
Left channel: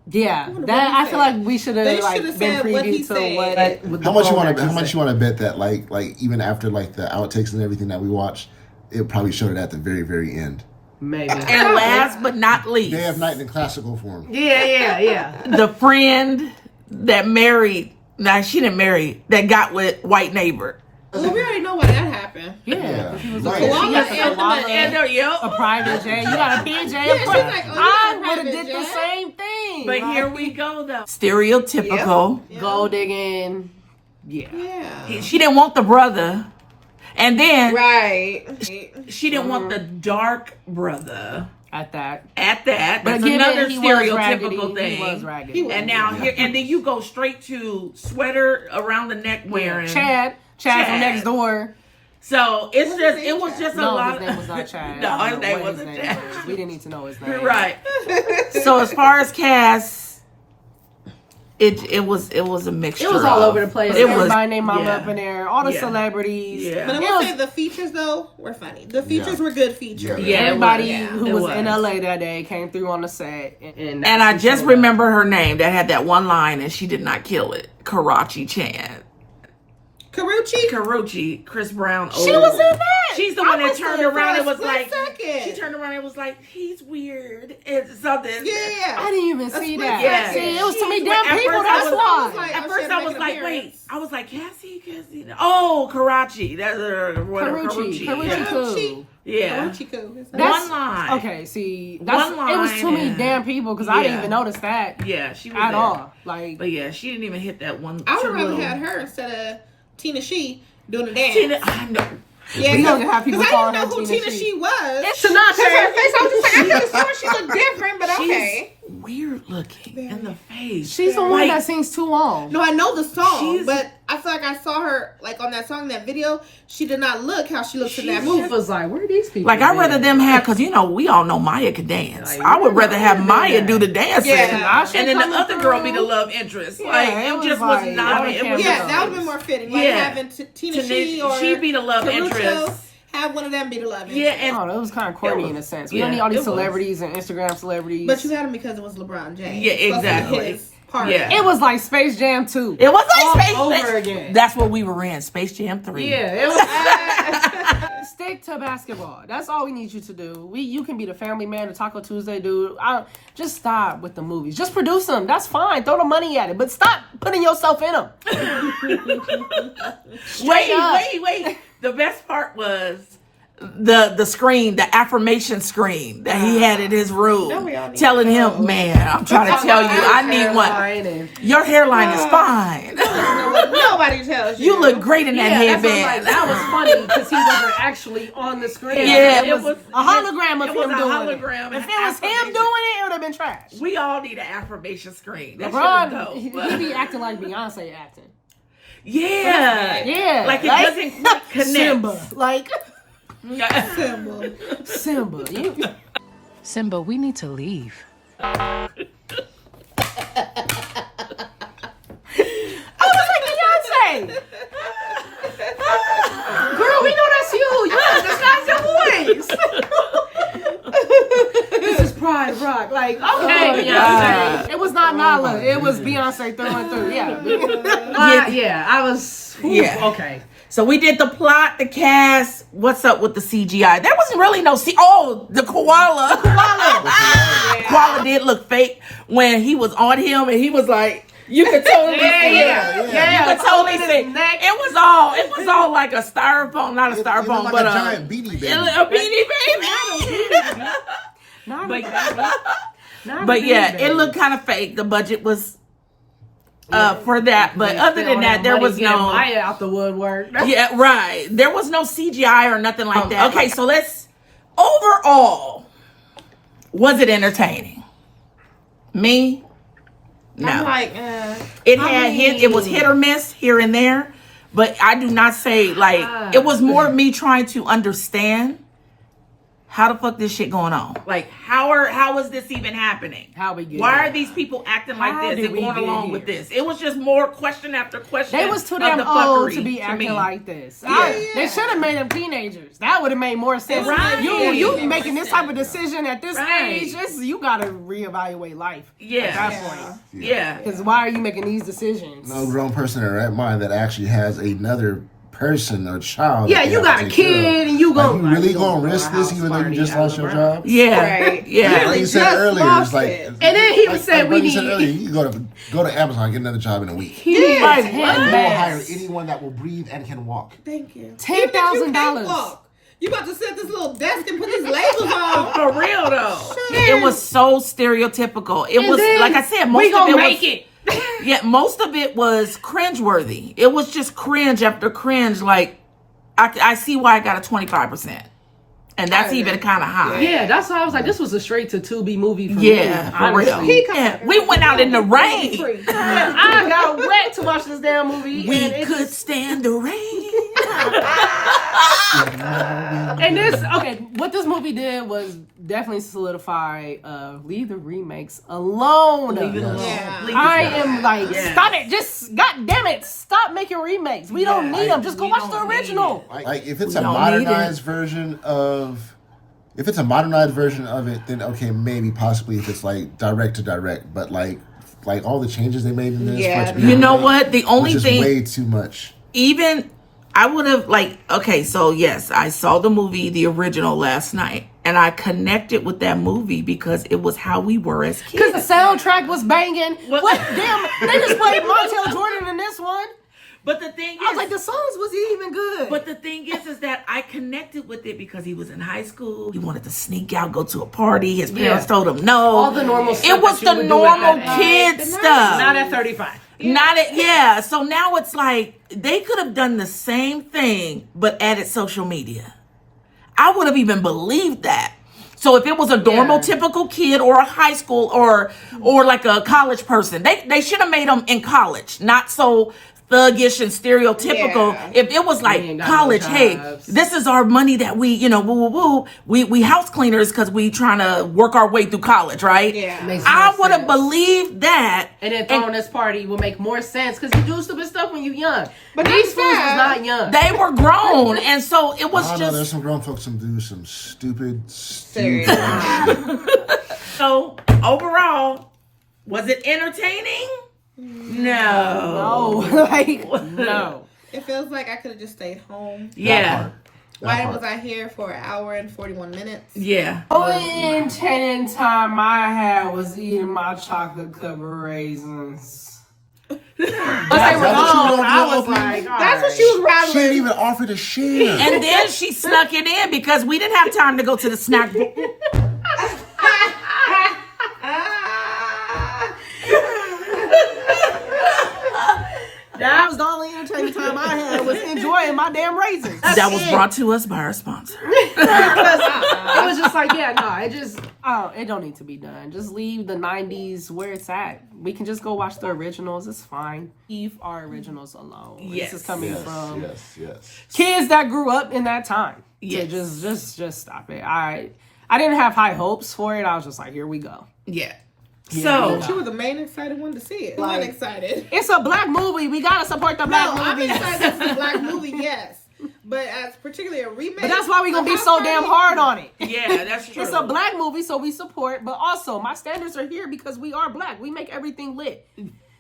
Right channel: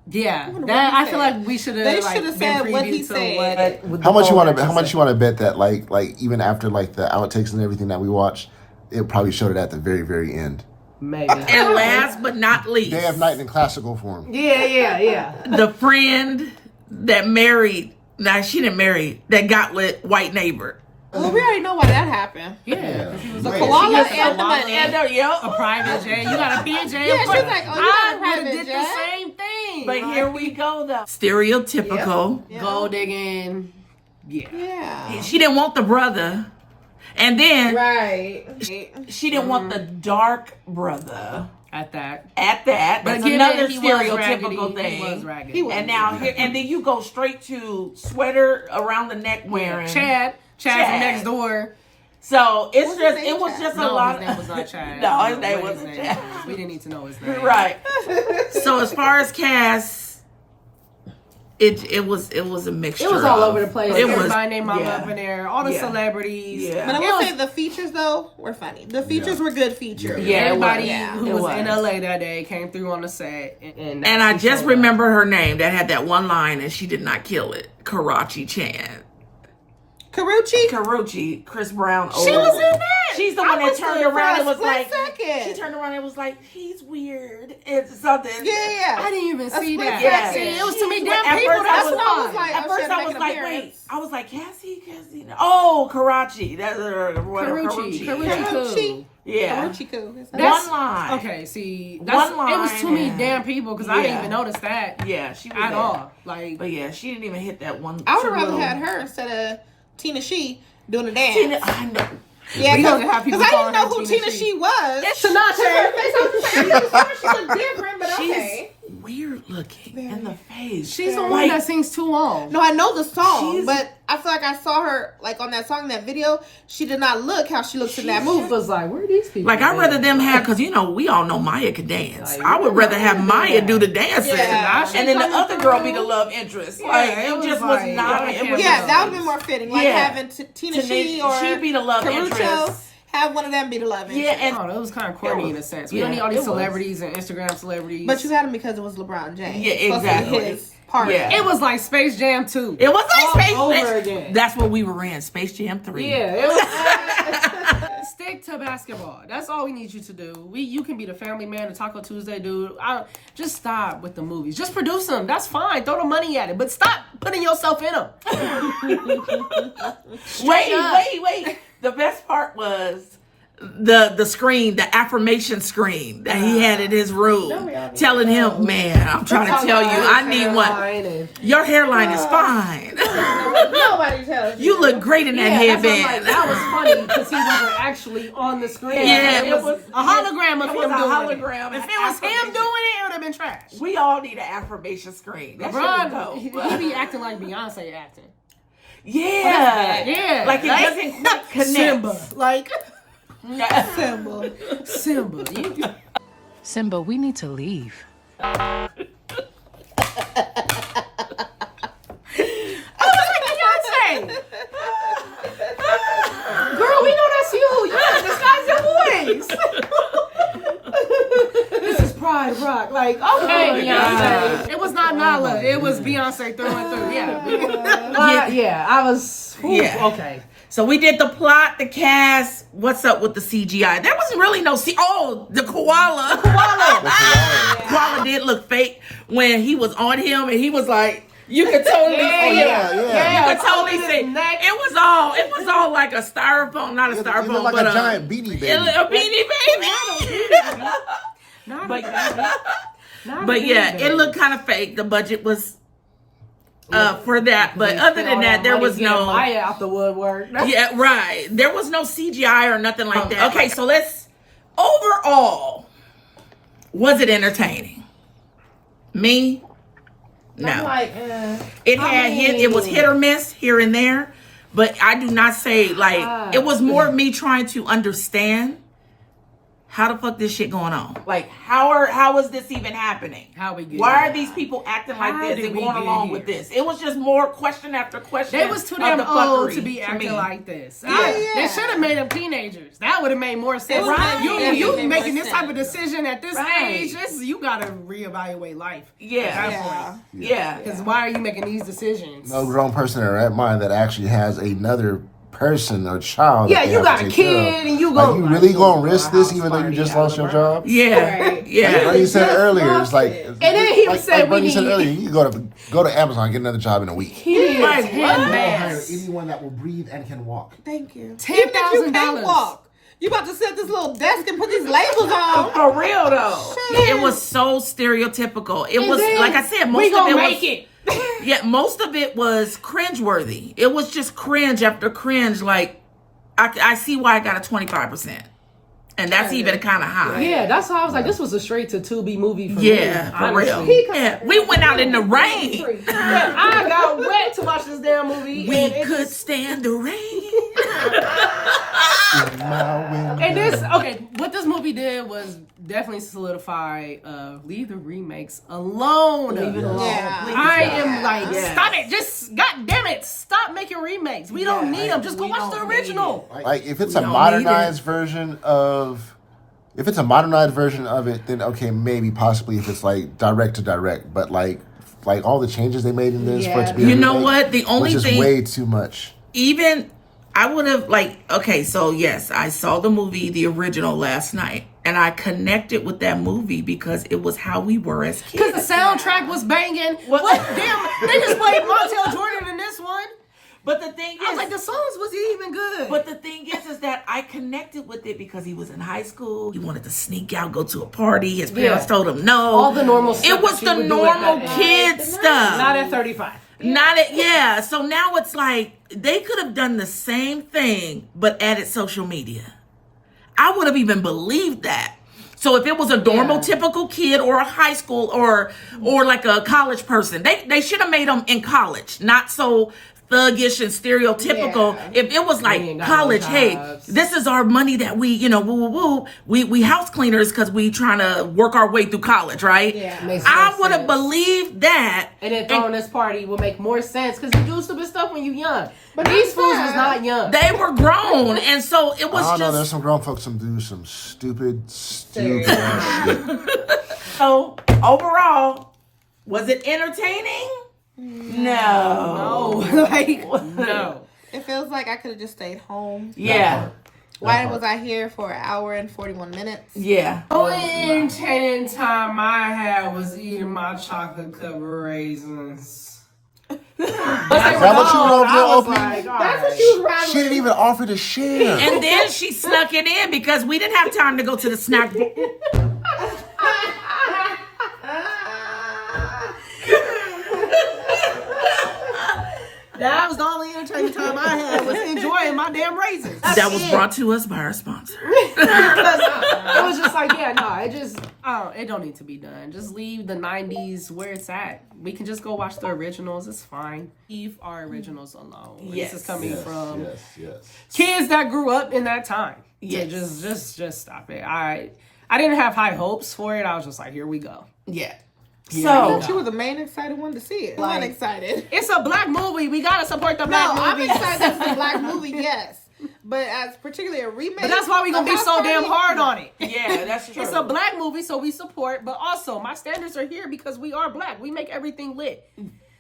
Yeah, wonder that what I he feel said. like we should They have like should've been said what he preview to said. what. How much you want to bet that like even after like the outtakes and everything that we watched, it probably showed it at the very, very end. Maybe. And last but not least, Day of Night in classical form. Yeah. the friend that married Nah, she didn't marry. That got with white neighbor. Well, we already know why that happened. Yeah, 'cause she was Right. Koala she was a and the koala, and Yep. a private jet. You got to be a jet. Yeah, she's like, oh, you I got a would have private did the jet. same thing. But Like, here we go, though. Stereotypical. gold digging. Yeah. Yeah. She didn't want the brother. And then Right. she didn't want the dark brother At that. at that. That's given another he was stereotypical raggedy, thing. He was raggedy. He was. And now here, and then you go straight to sweater around the neck wearing. Chad from Chad. next door. So it's What's just, his it name, was Chad? just a No, lot. his name was not Chad. No, I his don't know name what wasn't name Chad. was. We didn't need to know his name. Right. So as far as cast, it was a mixture. It was all of- over the place. It was Everybody named Mama yeah. up in there. All the Yeah. celebrities. Yeah. But I It will was- say the features though were funny. The features were good features. Yeah, it Everybody was. Yeah. who It was, was. in LA that day came through on the set. And And I just remember her name that had that one line, and she did not kill it. Karachi Chan. Karuchi. Karuchi, Chris Brown. She old. was in that. She's the I one that was turned there around for a and was split like, second. she turned around and was like, he's weird. It's something. Yeah. I didn't even see split that. Yeah. See, it was too many She- damn at people. first I That's was- why. At Oh, first shit, I make was an like, appearance. wait. I was like, Cassie. Oh, Karachi. That's Karuchi. Yeah. Karuchi cool. Yeah. Karuchi cool. One line. Okay, see, that's, One it was too many line. damn people because I didn't Yeah. even notice that Yeah, she was at there. all. Like, But yeah, she didn't even hit that one. I would two have rather little- had her instead of Tina She doing the dance. Tina, I know. Yeah, We gonna have people 'cause I calling didn't know her who Tina Tina She. She was. it's Sinatra. Her face, I was just like, I could have sworn she looked different, but She's okay. weird looking in the face. She's the one Like, that sings too long. No, I know the song, She's- but I feel like I saw her like on that song, that video. She did not look how she looks in that She movie. was like, where are these people? Like, I'd at? rather them have, because, we all know Maya could dance. Like, I would rather have Maya yeah. do the dancing. Yeah. And then the Coming other girl through. be the love interest. Yeah, Like, it it was just like, was not. I It can't was Yeah, know. that would have been more fitting. Like Yeah. having Tina She or She be the love Caruso, interest. have one of them be the love interest. Yeah, and Oh, it was kind of corny It was- in a sense. We yeah, don't need all it these was. celebrities and Instagram celebrities. But you got him because it was LeBron James. Yeah, Supposed to be exactly. His part. Yeah. it was like Space Jam 2. it was all like Space over Jam. again. That's what we were in, Space Jam 3. Yeah, it was. Stick to basketball. That's all we need you to do. You can be the family man, the Taco Tuesday dude. Just stop with the movies. Just produce them. That's fine. Throw the money at it, but stop putting yourself in them. Wait. The best part was the screen, the affirmation screen that he had in his room, telling him, "Man, I'm trying to tell you, I need one. Your hairline is fine. Nobody tells you. You look great in that headband." That was funny because he wasn't actually on the screen. Yeah, it was a hologram of it was him a doing hologram. it. If it was him doing it, it would have been trash. We all need an affirmation screen. That LeBron, shit he is dope. be acting like Beyonce acting. Yeah. Yeah, Like it doesn't quite connect. Simba, like Symbol. Simba. Simba, we need to leave. Beyonce. Girl, we know that's you. That's your voice. This is Pride Rock. Like, okay, Beyonce. God. It was not Nala. It was Beyonce through and through. Yeah. I was. Yeah. Okay. So we did the plot, the cast. What's up with the CGI? There wasn't really no the koala. Koala did look fake when he was on him, and he was like, you could totally see him. Yeah, You could totally holding see. his neck. It was all like a styrofoam, not a It styrofoam, looked like but a giant beanie baby. a beanie baby. Not But- not But a yeah, baby. it looked kind of fake. The budget was for that, but other than that, there was no. Maya out the woodwork. Yeah, right. There was no CGI or nothing like that. Okay, so let's overall, was it entertaining? Me? No. I'm like, It had it was hit or miss here and there, but I do not say like it was more me trying to understand how the fuck this shit going on. Like how is this even happening? How we get Why here? are these people acting How like this did and we going get along here? with this? It was just more question after question. They was too of damn the old fuckery to be to acting me. like this. Yeah. They should have made them teenagers. That would have made more sense. Right. You Yeah. making this type of decision at this Right. age, you gotta reevaluate life. Yeah. At that Yeah. point. Yeah. Because why are you making these decisions? No grown person in their right mind that actually has another person or child. Yeah, that they you have got to a take care of. kid and you Like, going you really gonna risk this even though you just lost your job? Yeah. Right. Yeah. Like you said just earlier, lost it's like, it. and then he said we you said need- earlier, you can go to Amazon and get another job in a week. He needs Like, 10 what? They will hire bands. anyone that will breathe and can walk. Thank you. $10,000. You about to set this little desk and put these labels on. For real though. It was so stereotypical. It was then like I said, We most of gonna it make was it. yeah, most of it was cringeworthy. It was just cringe after cringe. Like I see why I got a 25%. And that's even kind of high. Yeah, that's why I was like, this was a straight to Tubi movie for me. Yeah, for real. honestly. Yeah, we went out in the rain. I got wet to watch this damn movie. We and it could just- stand the rain. And this, okay, what this movie did was definitely solidify, leave the remakes alone. Leave it Yeah. alone. Please. I am like, Yeah. stop it. Just, god damn it, stop making remakes. We don't need them. Just go we watch the don't need original. Like if it's We a don't modernized version of, if it's a modernized version of it, then okay, maybe possibly if it's like direct to direct, but like all the changes they made in this, for it to be a You know remake what? The only was just thing, way too much. even I would have okay, so yes, I saw the movie, the original last night, and I connected with that movie because it was how we were as Because kids. the soundtrack was banging. What? Damn, they just played Montel Jordan in this one. But the thing I was is, like, the songs wasn't even good. but the thing is that I connected with it because he was in high school. He wanted to sneak out, go to a party. His parents told him no. All the normal stuff It was that you the would do at normal that kid age. stuff. Not at 35. Not it, yeah. So now it's like they could have done the same thing but added social media. I would have even believed that. So if it was a normal, typical kid or a high school or like a college person, they should have made them in college, not so thuggish and stereotypical. Yeah. If it was like ain't got college, no hey, jobs. this is our money that we, woo woo woo. We house cleaners because we trying to work our way through college, right? Yeah. Makes I more would have sense. believed that. And then throwing this party will make more sense because you do stupid stuff when you're young. But But these I'm fools was sad. not young. They were grown, and so it was I don't know. There's just some grown folks who do some stupid. so. Overall, was it entertaining? No. Oh, like, no. It feels like I could have just stayed home. Yeah. Why was I here for an hour and 41 minutes? Yeah. Only entertaining time I had was eating my chocolate covered raisins. But they were that what you gone. wrote I your was opening? like, That's what she was She rattling. didn't even offer to share. And then she snuck it in because we didn't have time to go to the snack. That was the only entertaining time I had was enjoying my damn raisins. That was brought to us by our sponsor. It was just like, yeah, no, it don't need to be done. Just leave the 90s where it's at. We can just go watch the originals. It's fine. Leave our originals alone. Yes. This is coming from yes. kids that grew up in that time. Yeah, Yes. just stop it. I didn't have high hopes for it. I was just like, here we go. Yeah. She So was the main excited one to see it. I'm not excited. It's a black movie. We gotta support the black No, I'm movies. excited it's a black movie, yes. But as particularly a remake. But that's why we gonna be so damn hard on it. yeah, that's true. It's a black movie, so we support. But also, my standards are here because we are black. We make everything lit.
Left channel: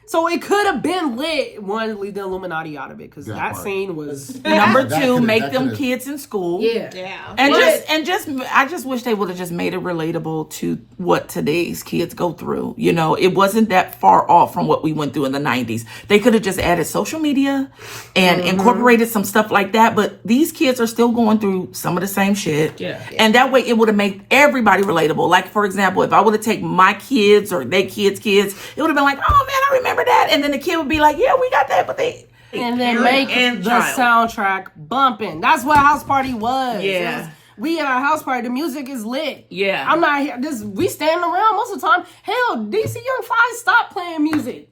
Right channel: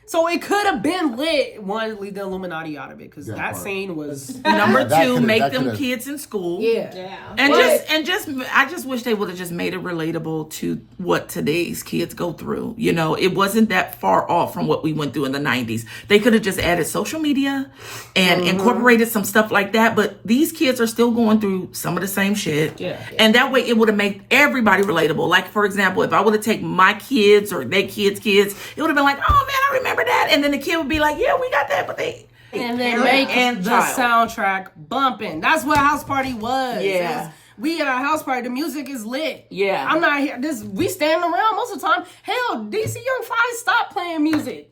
So it could have been lit. One, leave the Illuminati out of it because that part. scene was. Number That two, could've- make that them could've- kids in school. Yeah. Yeah. And I just wish they would have just made it relatable to what today's kids go through. You know, it wasn't that far off from what we went through in the 90s. They could have just added social media and incorporated some stuff like that. But these kids are still going through some of the same shit. Yeah. And that way it would have made everybody relatable. Like, for example, if I would have taken my kids or their kids' it would have been like, oh man, I remember that. And then the kid would be like, yeah, we got that. But they, And then make and the child. soundtrack bumping. That's what House Party was. Yeah. It was- we at a house party. The music is lit. Yeah. I'm not here. We stand around most of the time. Hell, DC Young Fly stopped playing music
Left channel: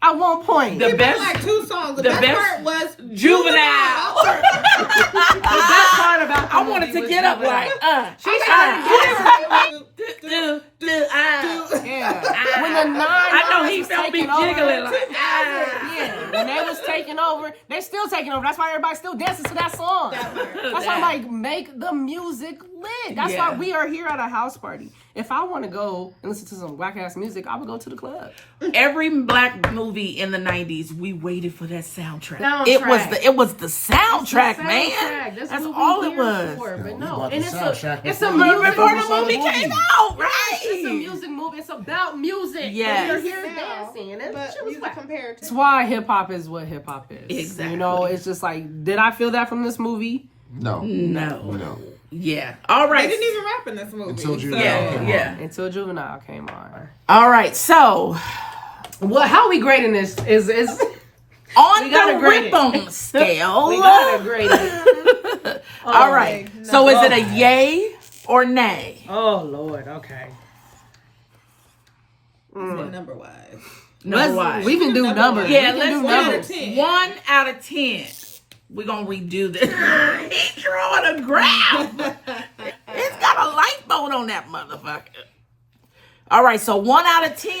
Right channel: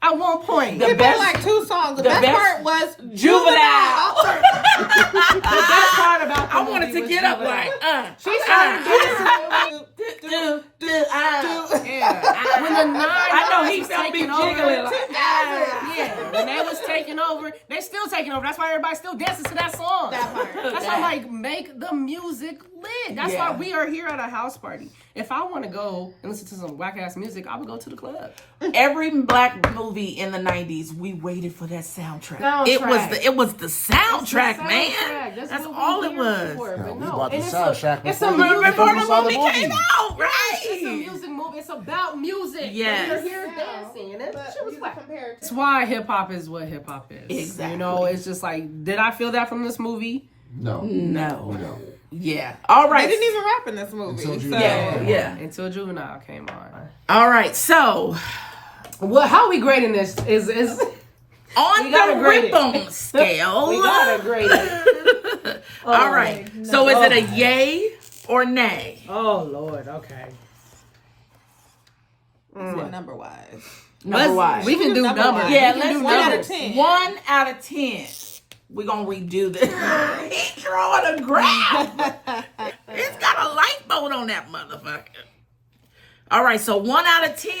at one point. The It best- was like 2 songs. The the best best- part was Juvenile. The best part about the I wanted movie to was get up Juvenile. like, She started do, yeah. When the nine I know he was felt me taking over. jiggling like, Yeah, when they was taking over, they still taking over. That's why everybody still dances to that song. That's why I'm like, make the music lit. That's Yeah. why we are here at a house party. If I want to go and listen to some whack ass music, I would go to the club. Every black movie in the 90s, we waited for that soundtrack. Soundtrack. It was the soundtrack, Soundtrack. man. That's That's what all we it here was. for, but We no, bought the and soundtrack it's a before music Before the saw movie came out, It's a right? music movie. It's about music. Yes. We're here dancing. And But shit was music whack. compared to That's why hip hop is what hip hop is. Exactly. You know, it's just like, did I feel that from this movie? No. No. Yeah. All they right. didn't even rap in this movie. Until you so. Yeah. Until Juvenile came on. All right. So Well, how we grading this is on We gotta the grade it. Rip'em scale. we gotta grade it. All right. So is it a yay or nay? Oh Lord, okay. Yeah, number wise. Number-wise. We can do Number numbers. wise. Yeah, we let's can do one out of numbers. 10. 1 out of 10. We're gonna redo this. He's drawing a graph. It's got a light boat on that motherfucker. All right, so 1 out of 10.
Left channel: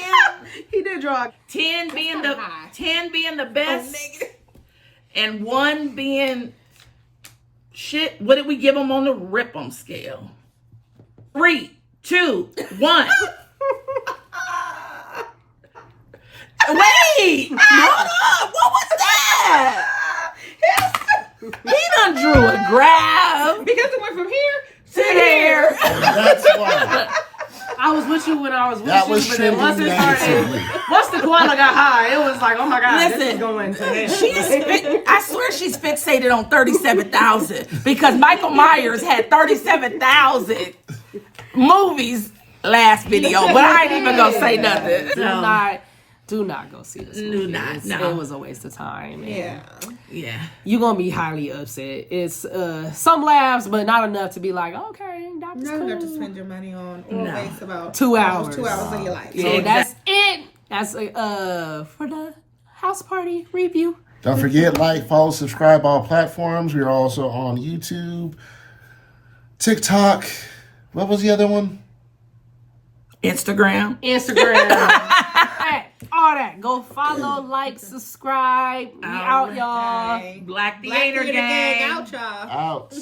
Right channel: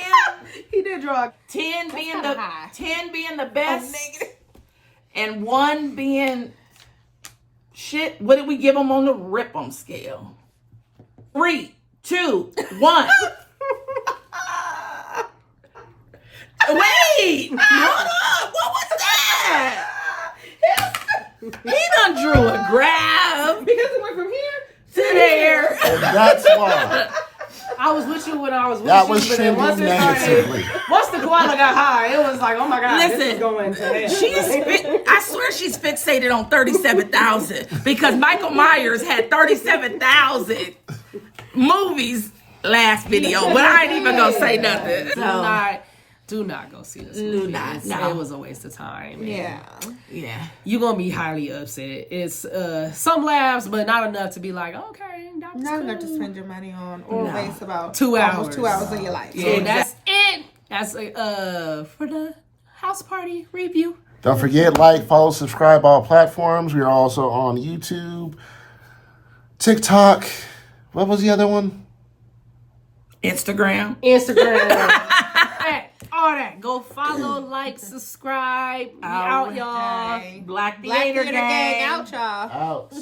He did draw. 10 being kinda the high. 10 being the best, and 1 being shit. What did we give them on the Rip'em scale? 3, 2, 1. Wait! What was that? He done drew a graph. Because it went from here to here. That's why. I was with you when I was with That you, was but then once it trending started, negatively. once the quanta got high, it was like, oh my god, this Listen, is going to hell. I swear she's fixated on 37,000 because Michael Myers had 37,000 movies last video, but I ain't even gonna say nothing. Do not go see this Do movie. not, no. It was a waste of time. Yeah. Yeah. You're gonna be highly upset. It's some laughs, but not enough to be like, okay, that was Not enough to cool. spend your money on or No. waste about 2 almost hours. 2 hours of your life. So Yeah. that's it. That's for the house party review. Don't forget, like, follow, subscribe all platforms. We are also on YouTube, TikTok. What was the other one? Instagram. All that. Go follow, like, subscribe. We out, y'all. Black Black Theater Theater Gang. Gang out, y'all. Out.